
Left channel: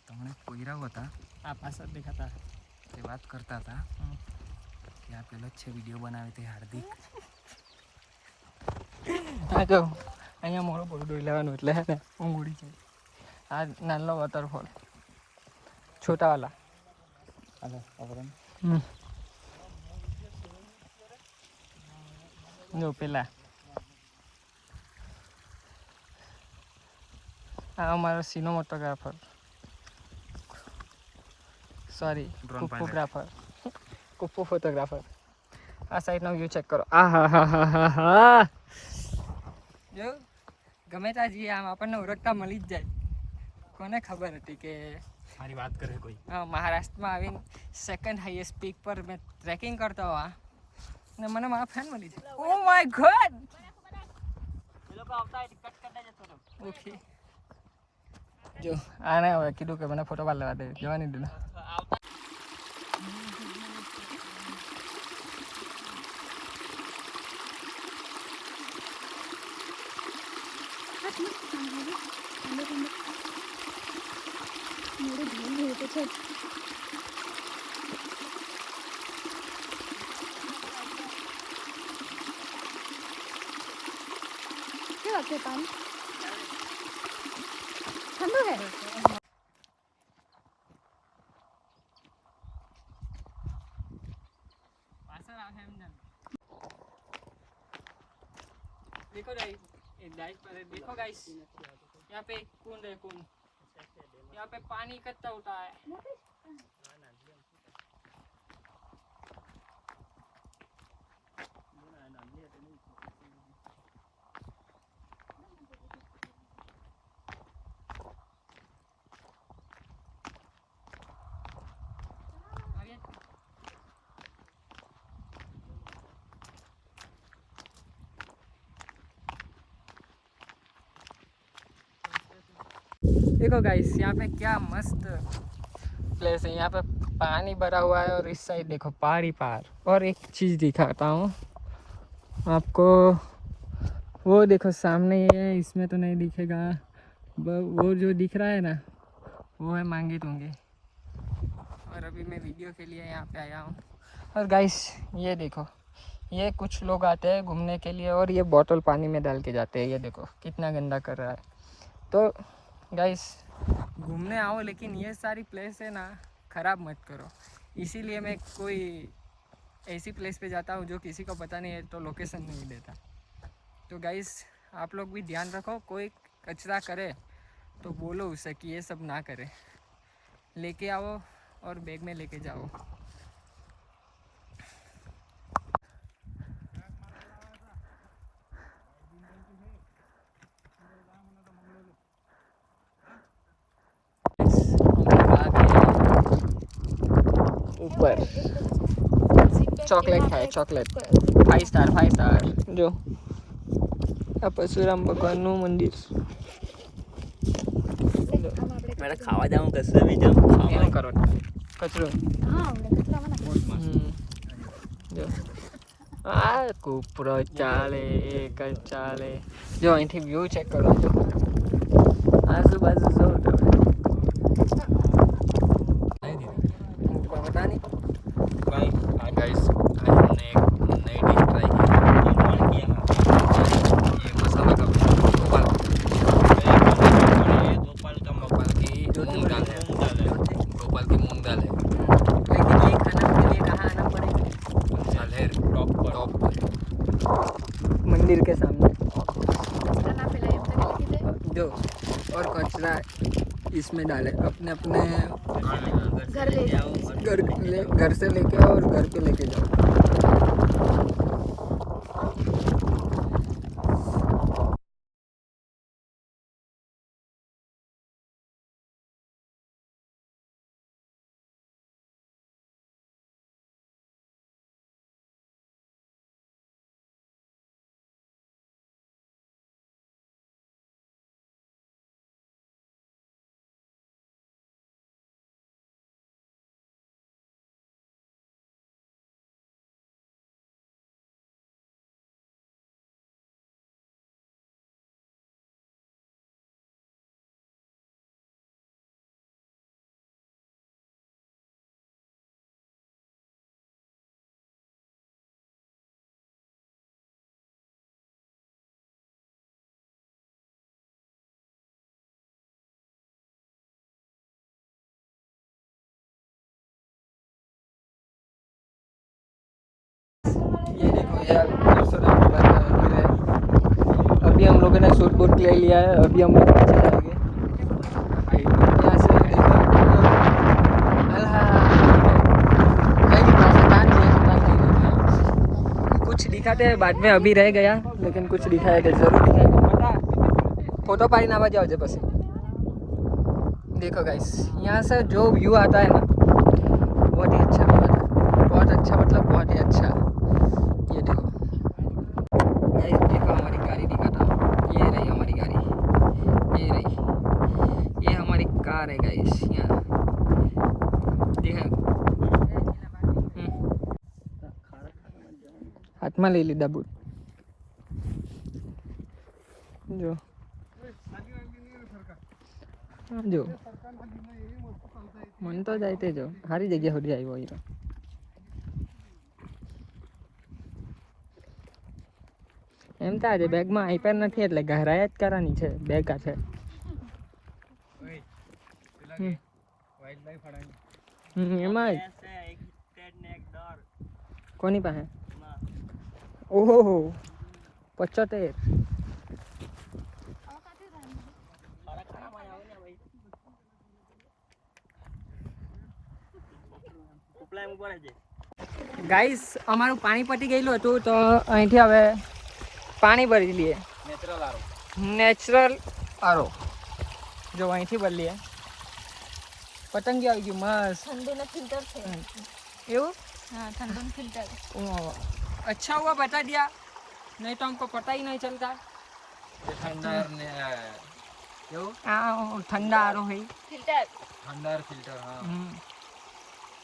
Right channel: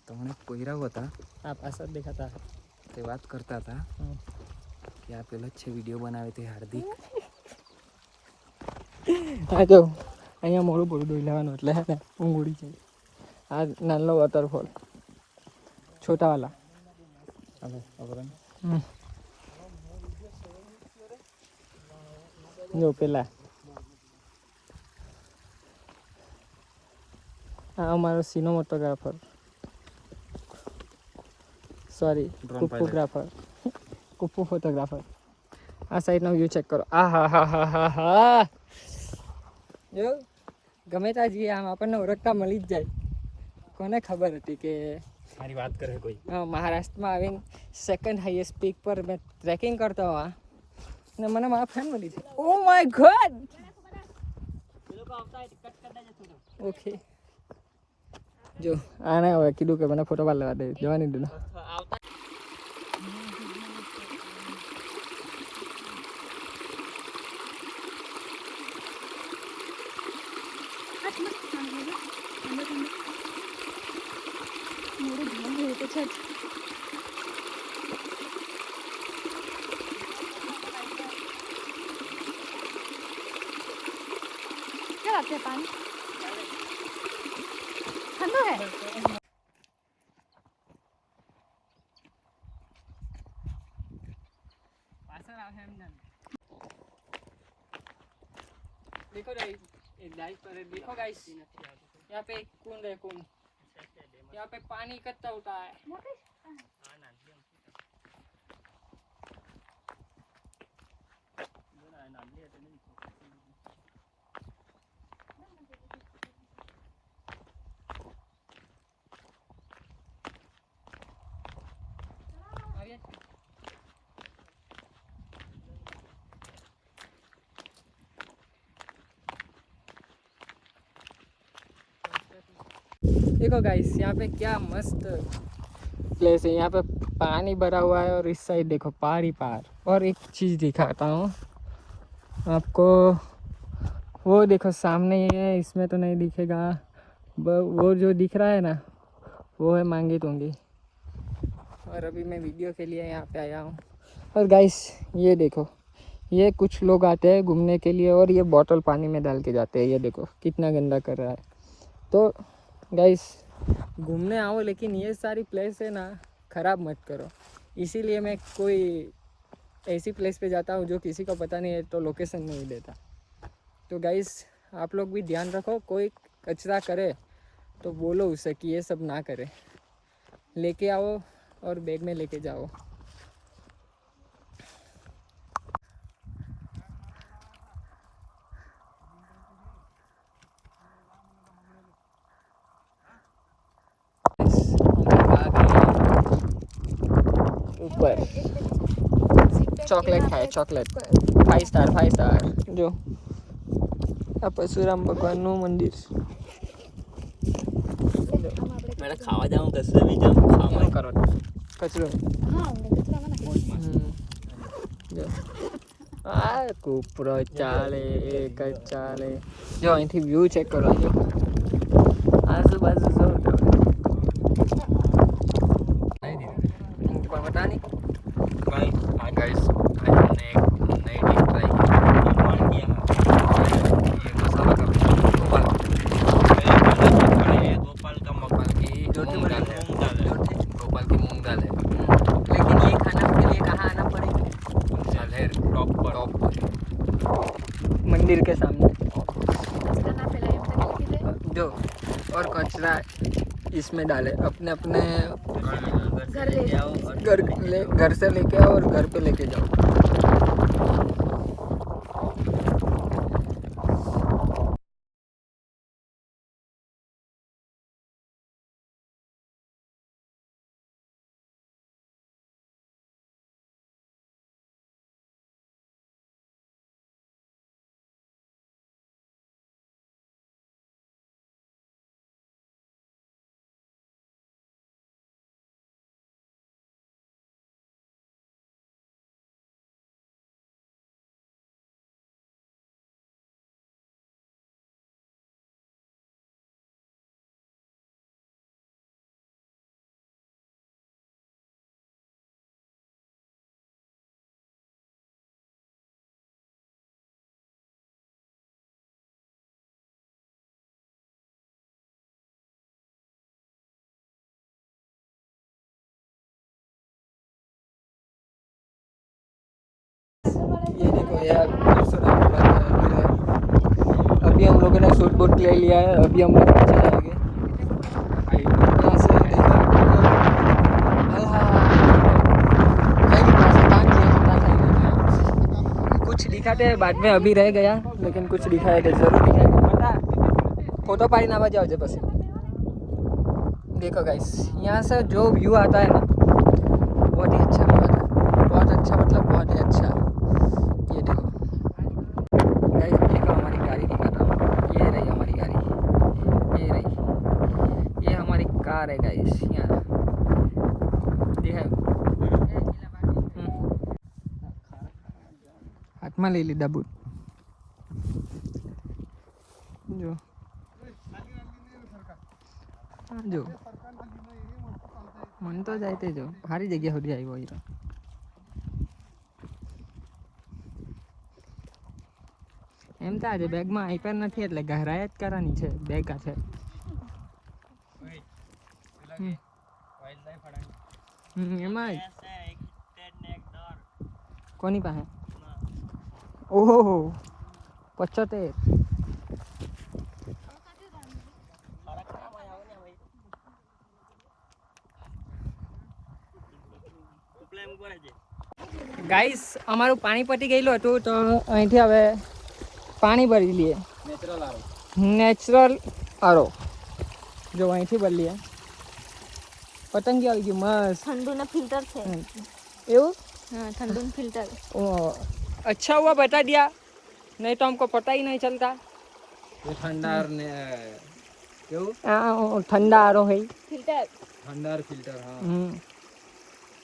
તમને પોયરાઓ હતા આ પાછળ દેખાતા. તે વાત કરતા હતા કે આ પેલો જ છે વિડીયો બનાવે તે હાર્દિક. હા જો અહીંયા મોડું પૂરું દોઈ લેવાનું એટલે હે ને ઊંઘ ઉડી જાય. આ નાનો વોટરફોલ છોટાવાલા. જો પેલા આ અમારો સિનેમેટોગ્રાફર, સોરી Drone કુપ્પોગ્રાફર, કુપ્પુ ફોટોગ્રાફર. આ સાઈડનો વ્યૂ ચેક કરો. આ હા હા હા હા હા, જો ગમે ત્યાં જઈએ આમ આપણને ઓળખતા મળી જ જાય. કોને ખબર હતી કે મારી વાત કરે કોઈ? મહારાષ્ટ્રમાં આવીને સેકન્ડ હાઈએસ્ટ પીક પર મેં ટ્રેકિંગ કરતો હોવા ને મને મારા ફ્રેન્ડ મળી છે. Oh my God. ઓકે જો આને હવે કીધું કે મને ફોટો પાડ લેવા દે, જવાની દે. देखो गाइस, देखो गाइस, यहाँ पे कुंड है, कुंड. यहाँ पे पानी इकट्ठा होता है. देखो गाइस, यहाँ पे क्या मस्त प्लेस है. यहाँ पे पानी भरा हुआ है और इस साइड देखो पहाड़ ही पहाड़. और एक चीज़ दिखाता हूँ आपको. वो देखो सामने ये, इसमें तो नहीं दिखेगा, वो जो दिख रहा है ना वो है मांगी तुंगी. और अभी मैं वीडियो के लिए यहाँ पे आया हूँ. और गाइस ये देखो, ये कुछ लोग आते हैं घूमने के लिए और ये बोतल पानी में डाल के जाते हैं. ये देखो कितना गंदा कर रहा है. तो गाइस घूमने आओ, लेकिन ये सारी प्लेस है ना ख़राब मत करो. इसीलिए मैं कोई ऐसी प्लेस पे जाता हूँ जो किसी को पता नहीं है तो लोकेशन नहीं देता. तो गाइस आप लोग भी ध्यान रखो, कोई कचरा करे तो बोलो उसे कि ये सब ना करे. लेके आओ और बैग में लेके जाओ. ऊपर ચોકલેટ ખાય, ચોકલેટ 5 સ્ટાર 5 સ્ટાર. જો આ પરશુરામ ભગવાનનું મંદિર. મેં ખાવા જાઉં કશું બી જાઉં એવું કરો કચરો હા અમને કચરામાં નાખો. જો આ કૂપરો ચાલે એક જ ચાલે જો અહીંથી વ્યૂ ચેક કરો જો આજુબાજુ જોઉં તમે कोई बता नहीं गाइस आज हमने एक नई डिश ट्राई की ये मसाला का गोपाल की मूंग दाल है गोपाल की मूंग दाल है लेकिन ये खाना के लिए कहाँ आना पड़ेगा सालेर टॉप पर मंदिर के सामने કચરા ના ફેલાય એમ તરીકે કીધે. जो और कचरा इसमें डाले अपने अपने ઘર લઈ જાઓ. घर से लेके आओ और घर पे लेके जाओ ये देखो यार अभी हम लोगों ने शूट बूट ले लिया है अभी हम लोग नीचे जाएंगे यहाँ से देखो कहीं राजस्थान नहीं है कुछ दिखाते हैं बाद में अभी रह गया लेकिन कुछ दिखाएगा जरूर दिखाएगा पता फोटो पाड़ी ना बजाओ जे बस देखो गाइस यहाँ से जो व्यू आता है ना बहुत ही अच्छा बहुत अच्छा मतलब बहुत ही अच्छा ये देखो गाइस देखो हमारी गाड़ी दिखाता हूँ ये रही हमारी गाड़ी ये रही ये हमारी कार है गाइस यहाँ देखा हाथ में ले लीधा बूट जो जो मन तो जाते जो सारी जगह होती आई वही એમ તો આજે બેગમાં આઈપેડ નથી એટલે ગહરાયા જ કરવાની છે બેગ આ છે એમાં કોની પાસે ઓહો 75 ગાઈસ અમારું પાણી પતી ગયેલું હતું તો અહીંથી હવે પાણી ભરી લઈએ નેચરલ આરો જો અહીંથી ભરી લઈએ પતંગી આવી ગયું મસ્ત ઠંડુના ફિલ્ટર છે. એવું हाँ ठंडू फिल्टर. ओ अच्छा हुआ बता दिया नहीं तो हमको पता ही नहीं चलता ये ठंडार ने क्यों ठंडा आरो है फिल्टर. ठंडार फिल्टर हाँ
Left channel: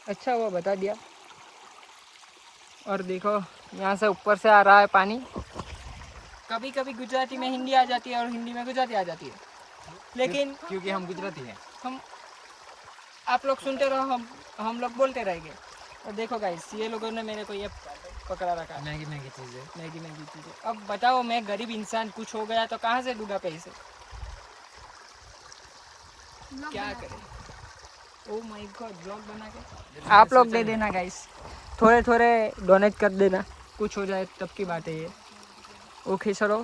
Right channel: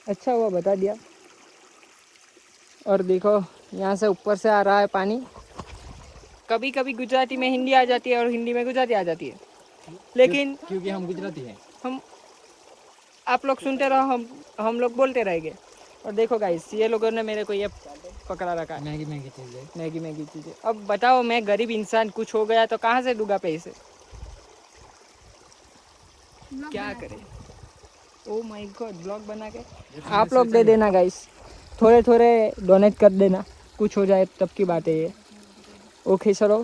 अच्छा हुआ बता दिया और देखो यहाँ से ऊपर से आ रहा है पानी कभी कभी गुजराती में हिंदी आ जाती है और हिंदी में गुजराती आ जाती है लेकिन क्योंकि हम गुजराती हैं हम आप लोग सुनते रहो हम लोग बोलते रहेंगे और देखो गाइस ये लोगों ने मेरे को ये पकड़ा रखा मैगी मैगी चीज़ें मैगी मैगी चीज़ें अब बताओ मैं गरीब इंसान कुछ हो गया तो कहाँ से दूंगा पैसे क्या करें ओ माय गॉड ब्लॉग बना के आप लोग दे देना गाइस थोड़े थोड़े डोनेट कर देना कुछ हो जाए तब की बात है ये ओके चलो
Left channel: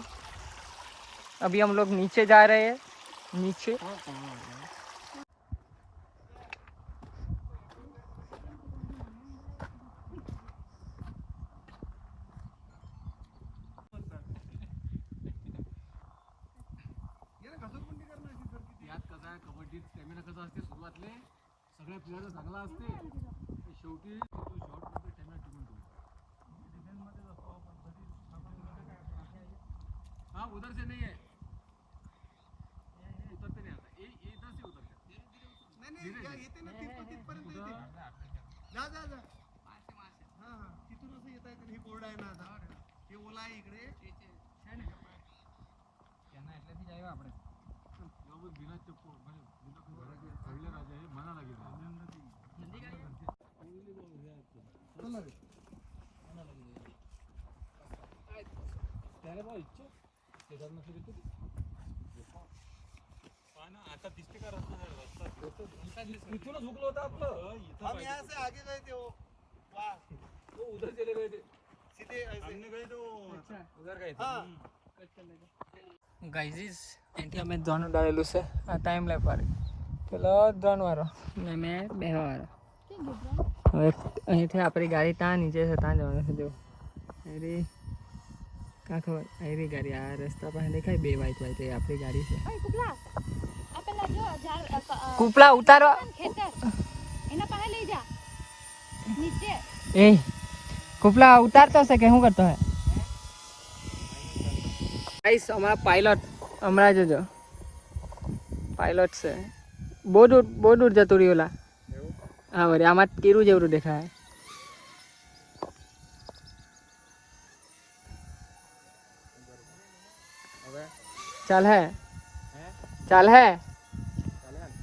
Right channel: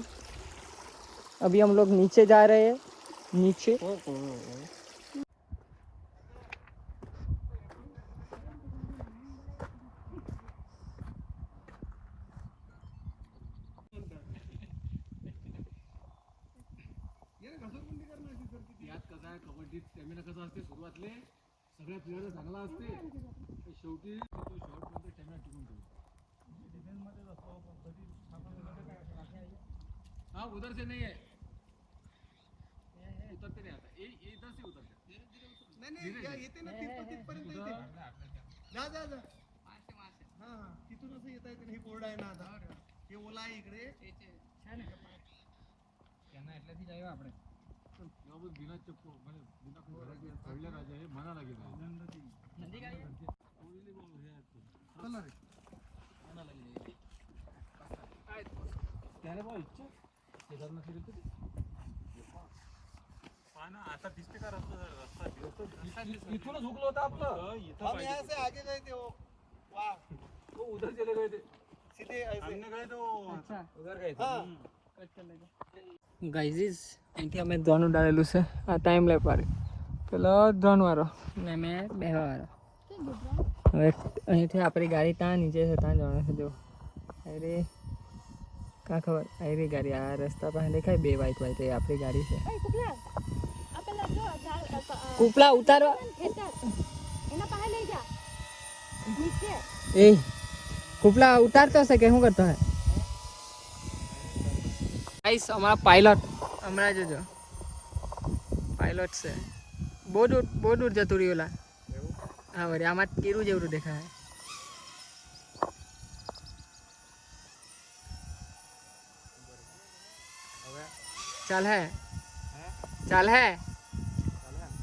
अभी हम लोग नीचे जा रहे हैं नीचे कबड्डीत स्टॅमिना कसा असते सुरुवातले सगळ्या प्लेयर चांगला असते शेवटी तो शॉट मध्ये स्टॅमिना टिकून ठेवतो डिफेन्स मध्ये असतो पण कधी हाँ उधर से नहीं है उतरते नहीं आता ये इधर से उतरते नाही येते ना तिथपर्यंत येते जा जा जा हा हा तिथून असं येता येते. हे कोरड आहे ना आता, हे ओला आहे इकडे. त्यांना એટલાથી જ આવ્યા આપણે बिना चप्पल बिना खोलले राजा हे म्हणा लागेल. नंदी गाडी चला रे त्याने बघ इच्छा शेजारनं सुरू होती. आता दिसते का रस्ता इथूनच हुकलो होता आपलं. हम यहाँ से आगे गए थे वो वाह वो उधर चले गए थे सीधे ऐसे हमने गए तो अच्छा उधर गए थे. हाँ ગાઈઝ અહીંથી અમે ધોન ઉડાડેલું છે. આ ટાઈમ લે પાડે પેલો ધોન વાળો ને મેં બેહવા વાળો. હવે અહીંથી આપણી ગાડી ત્યાં નીચે છે, ત્યાં જવાનું છે. જો અરે કાં ખબર આવી ગાડી આ રસ્તા પાસે દેખાય બે વાઈટ વાઈટ એ આપણી ગાડી છે. કૂપલા ઉતારો એ કૂપલા ઉતારતો છે કે શું કરતો હે ગાઈસ? અમારા પાયલોટ હમણાં જોજો પાયલોટ છે. બહુ દૂર જતું રહ્યું ઓલા. હા વળી આમાં તીરું જેવડું દેખાય. ચાલ હે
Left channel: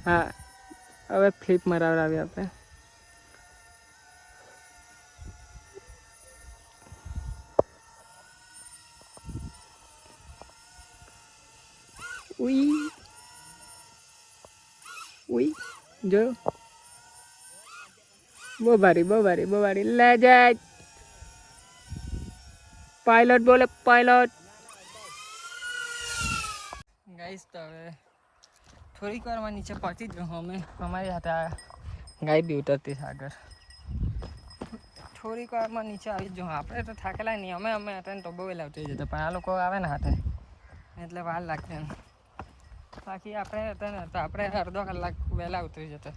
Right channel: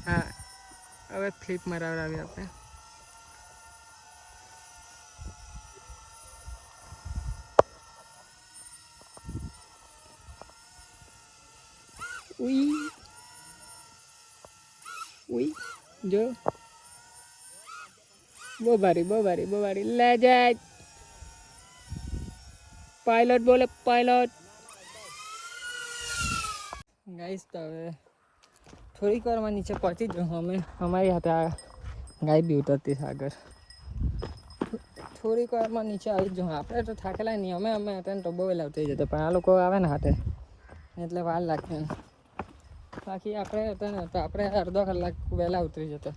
હા હવે ફ્લિપ મરાવડાવી આપણે. ઉઈ જો બહુ ભારી લે જાય. પાયલોટ બોલે પાયલોટ. ગાઈસ તો હવે થોડીક વારમાં નીચે પહોંચી જ અમે. અમારી હાથે આ ગાય બી ઉતરતી છે આગળ. થોડીક વારમાં નીચે આવી જ જાઉં. આપણે તો થાકેલા નહીં. અમે હતા ને તો બહુ વહેલા ઉતરી જતા, પણ આ લોકો આવે ને હાથે એટલે વાર લાગશે ને. બાકી આપણે હતા ને તો આપણે અડધો કલાક વહેલા ઉતરી જતા.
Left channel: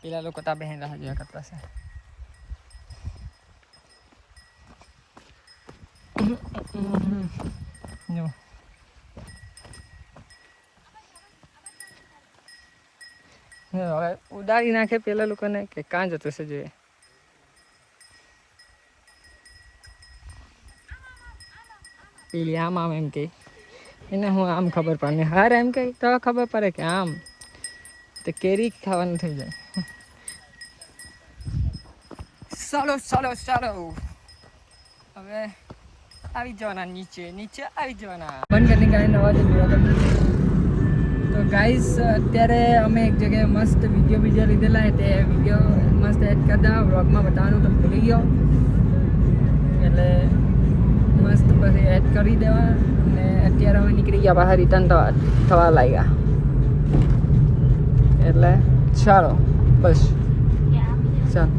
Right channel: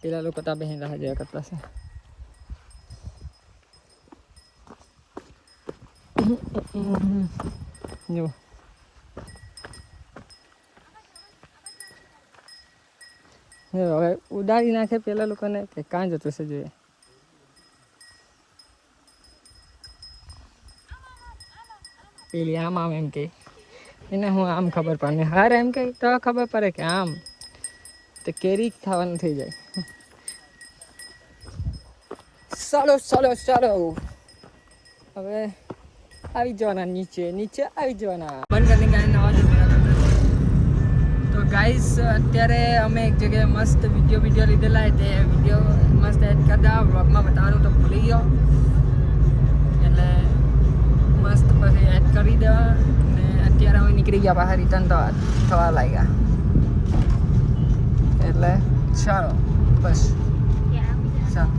પેલા લોકો ત્યાં બહેન રાહ જોયા કરતા છે. જો હવે ઉડાડી નાખે પેલા લોકોને કે કાં જતું છે જોઈએ. પેલી આમ એમ કે એને હું આમ ખબર પડે હાર એમ કે તો ખબર પડે કે આમ એ કેરી ખાવાનું થઈ જાય. ચાલો હવે આવી જવાના નીચે આવી જવાના. બંધ કરીને ગાડીને અવાજ હતો. તો ગાઈસ અત્યારે અમે એક જગ્યાએ મસ્ત વિડીયો લીધેલા. તે વિડીયો મસ્ત એડ કરતા વ્લોગમાં બતાવવાનું તો ભૂલી ગયો એટલે મસ્ત પછી એડ કરી દેવા. ને અત્યારે અમે નીકળી ગયા બહાર રિટર્ન થવા લાગ્યા. એટલે ચાલો બસ ચાલો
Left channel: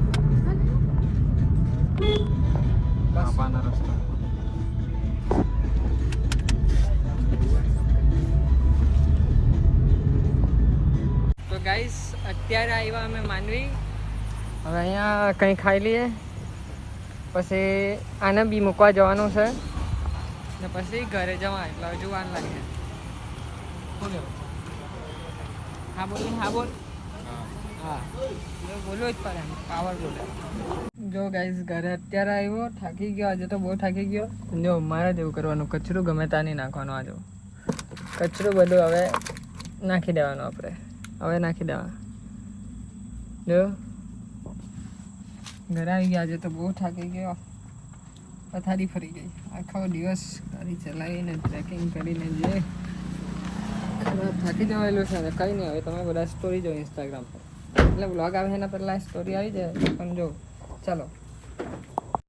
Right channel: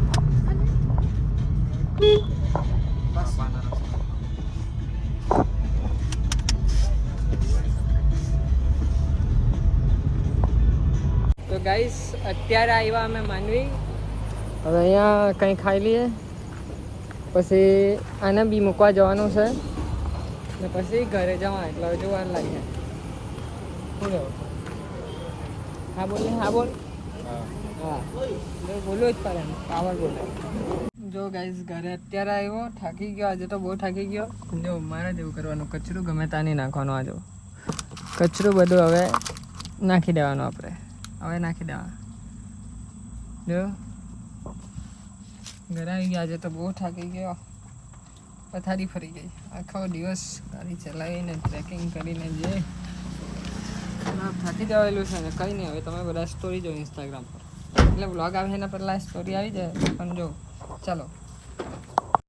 તો ગાઈસ અત્યારે આવ્યા અમે માંડવી. હવે અહીંયા કંઈ ખાઈ લઈએ પછી આને બી મૂકવા જવાનું છે ને પછી ઘરે જવા. એટલે હવે જોવાનું લાગે. શું કહેવું? હા બોલ હા બોલવું જ પડે એમ પાવર બોલે. જો ગાઈસ ઘરે અત્યારે આવ્યો. થાકી ગયો આજે તો બહુ થાકી ગયો. જો મારે જ એવું કરવાનું. કચરો ગમે ત્યાં નહીં નાખવાનો. આજે કચરો બધો હવે નાખી દેવાનો. આપણે હવે નાખી દેવા. જો ઘરે આવી ગયા. આજે તો બહુ થાકી ગયો. પથારી ફરી ગઈ. આખો દિવસ ગાડી ચલાવીને ટ્રેકિંગ કરીને જે ખરાબ થાકી ગયેલું છે ને કંઈ નહીં. હવે તમે બધા સ્ટોરી જો ઇન્સ્ટાગ્રામ પર એટલે વ્લોગ આવે એના પહેલાં સ્ટોરી આવી જાય પણ જો ચાલો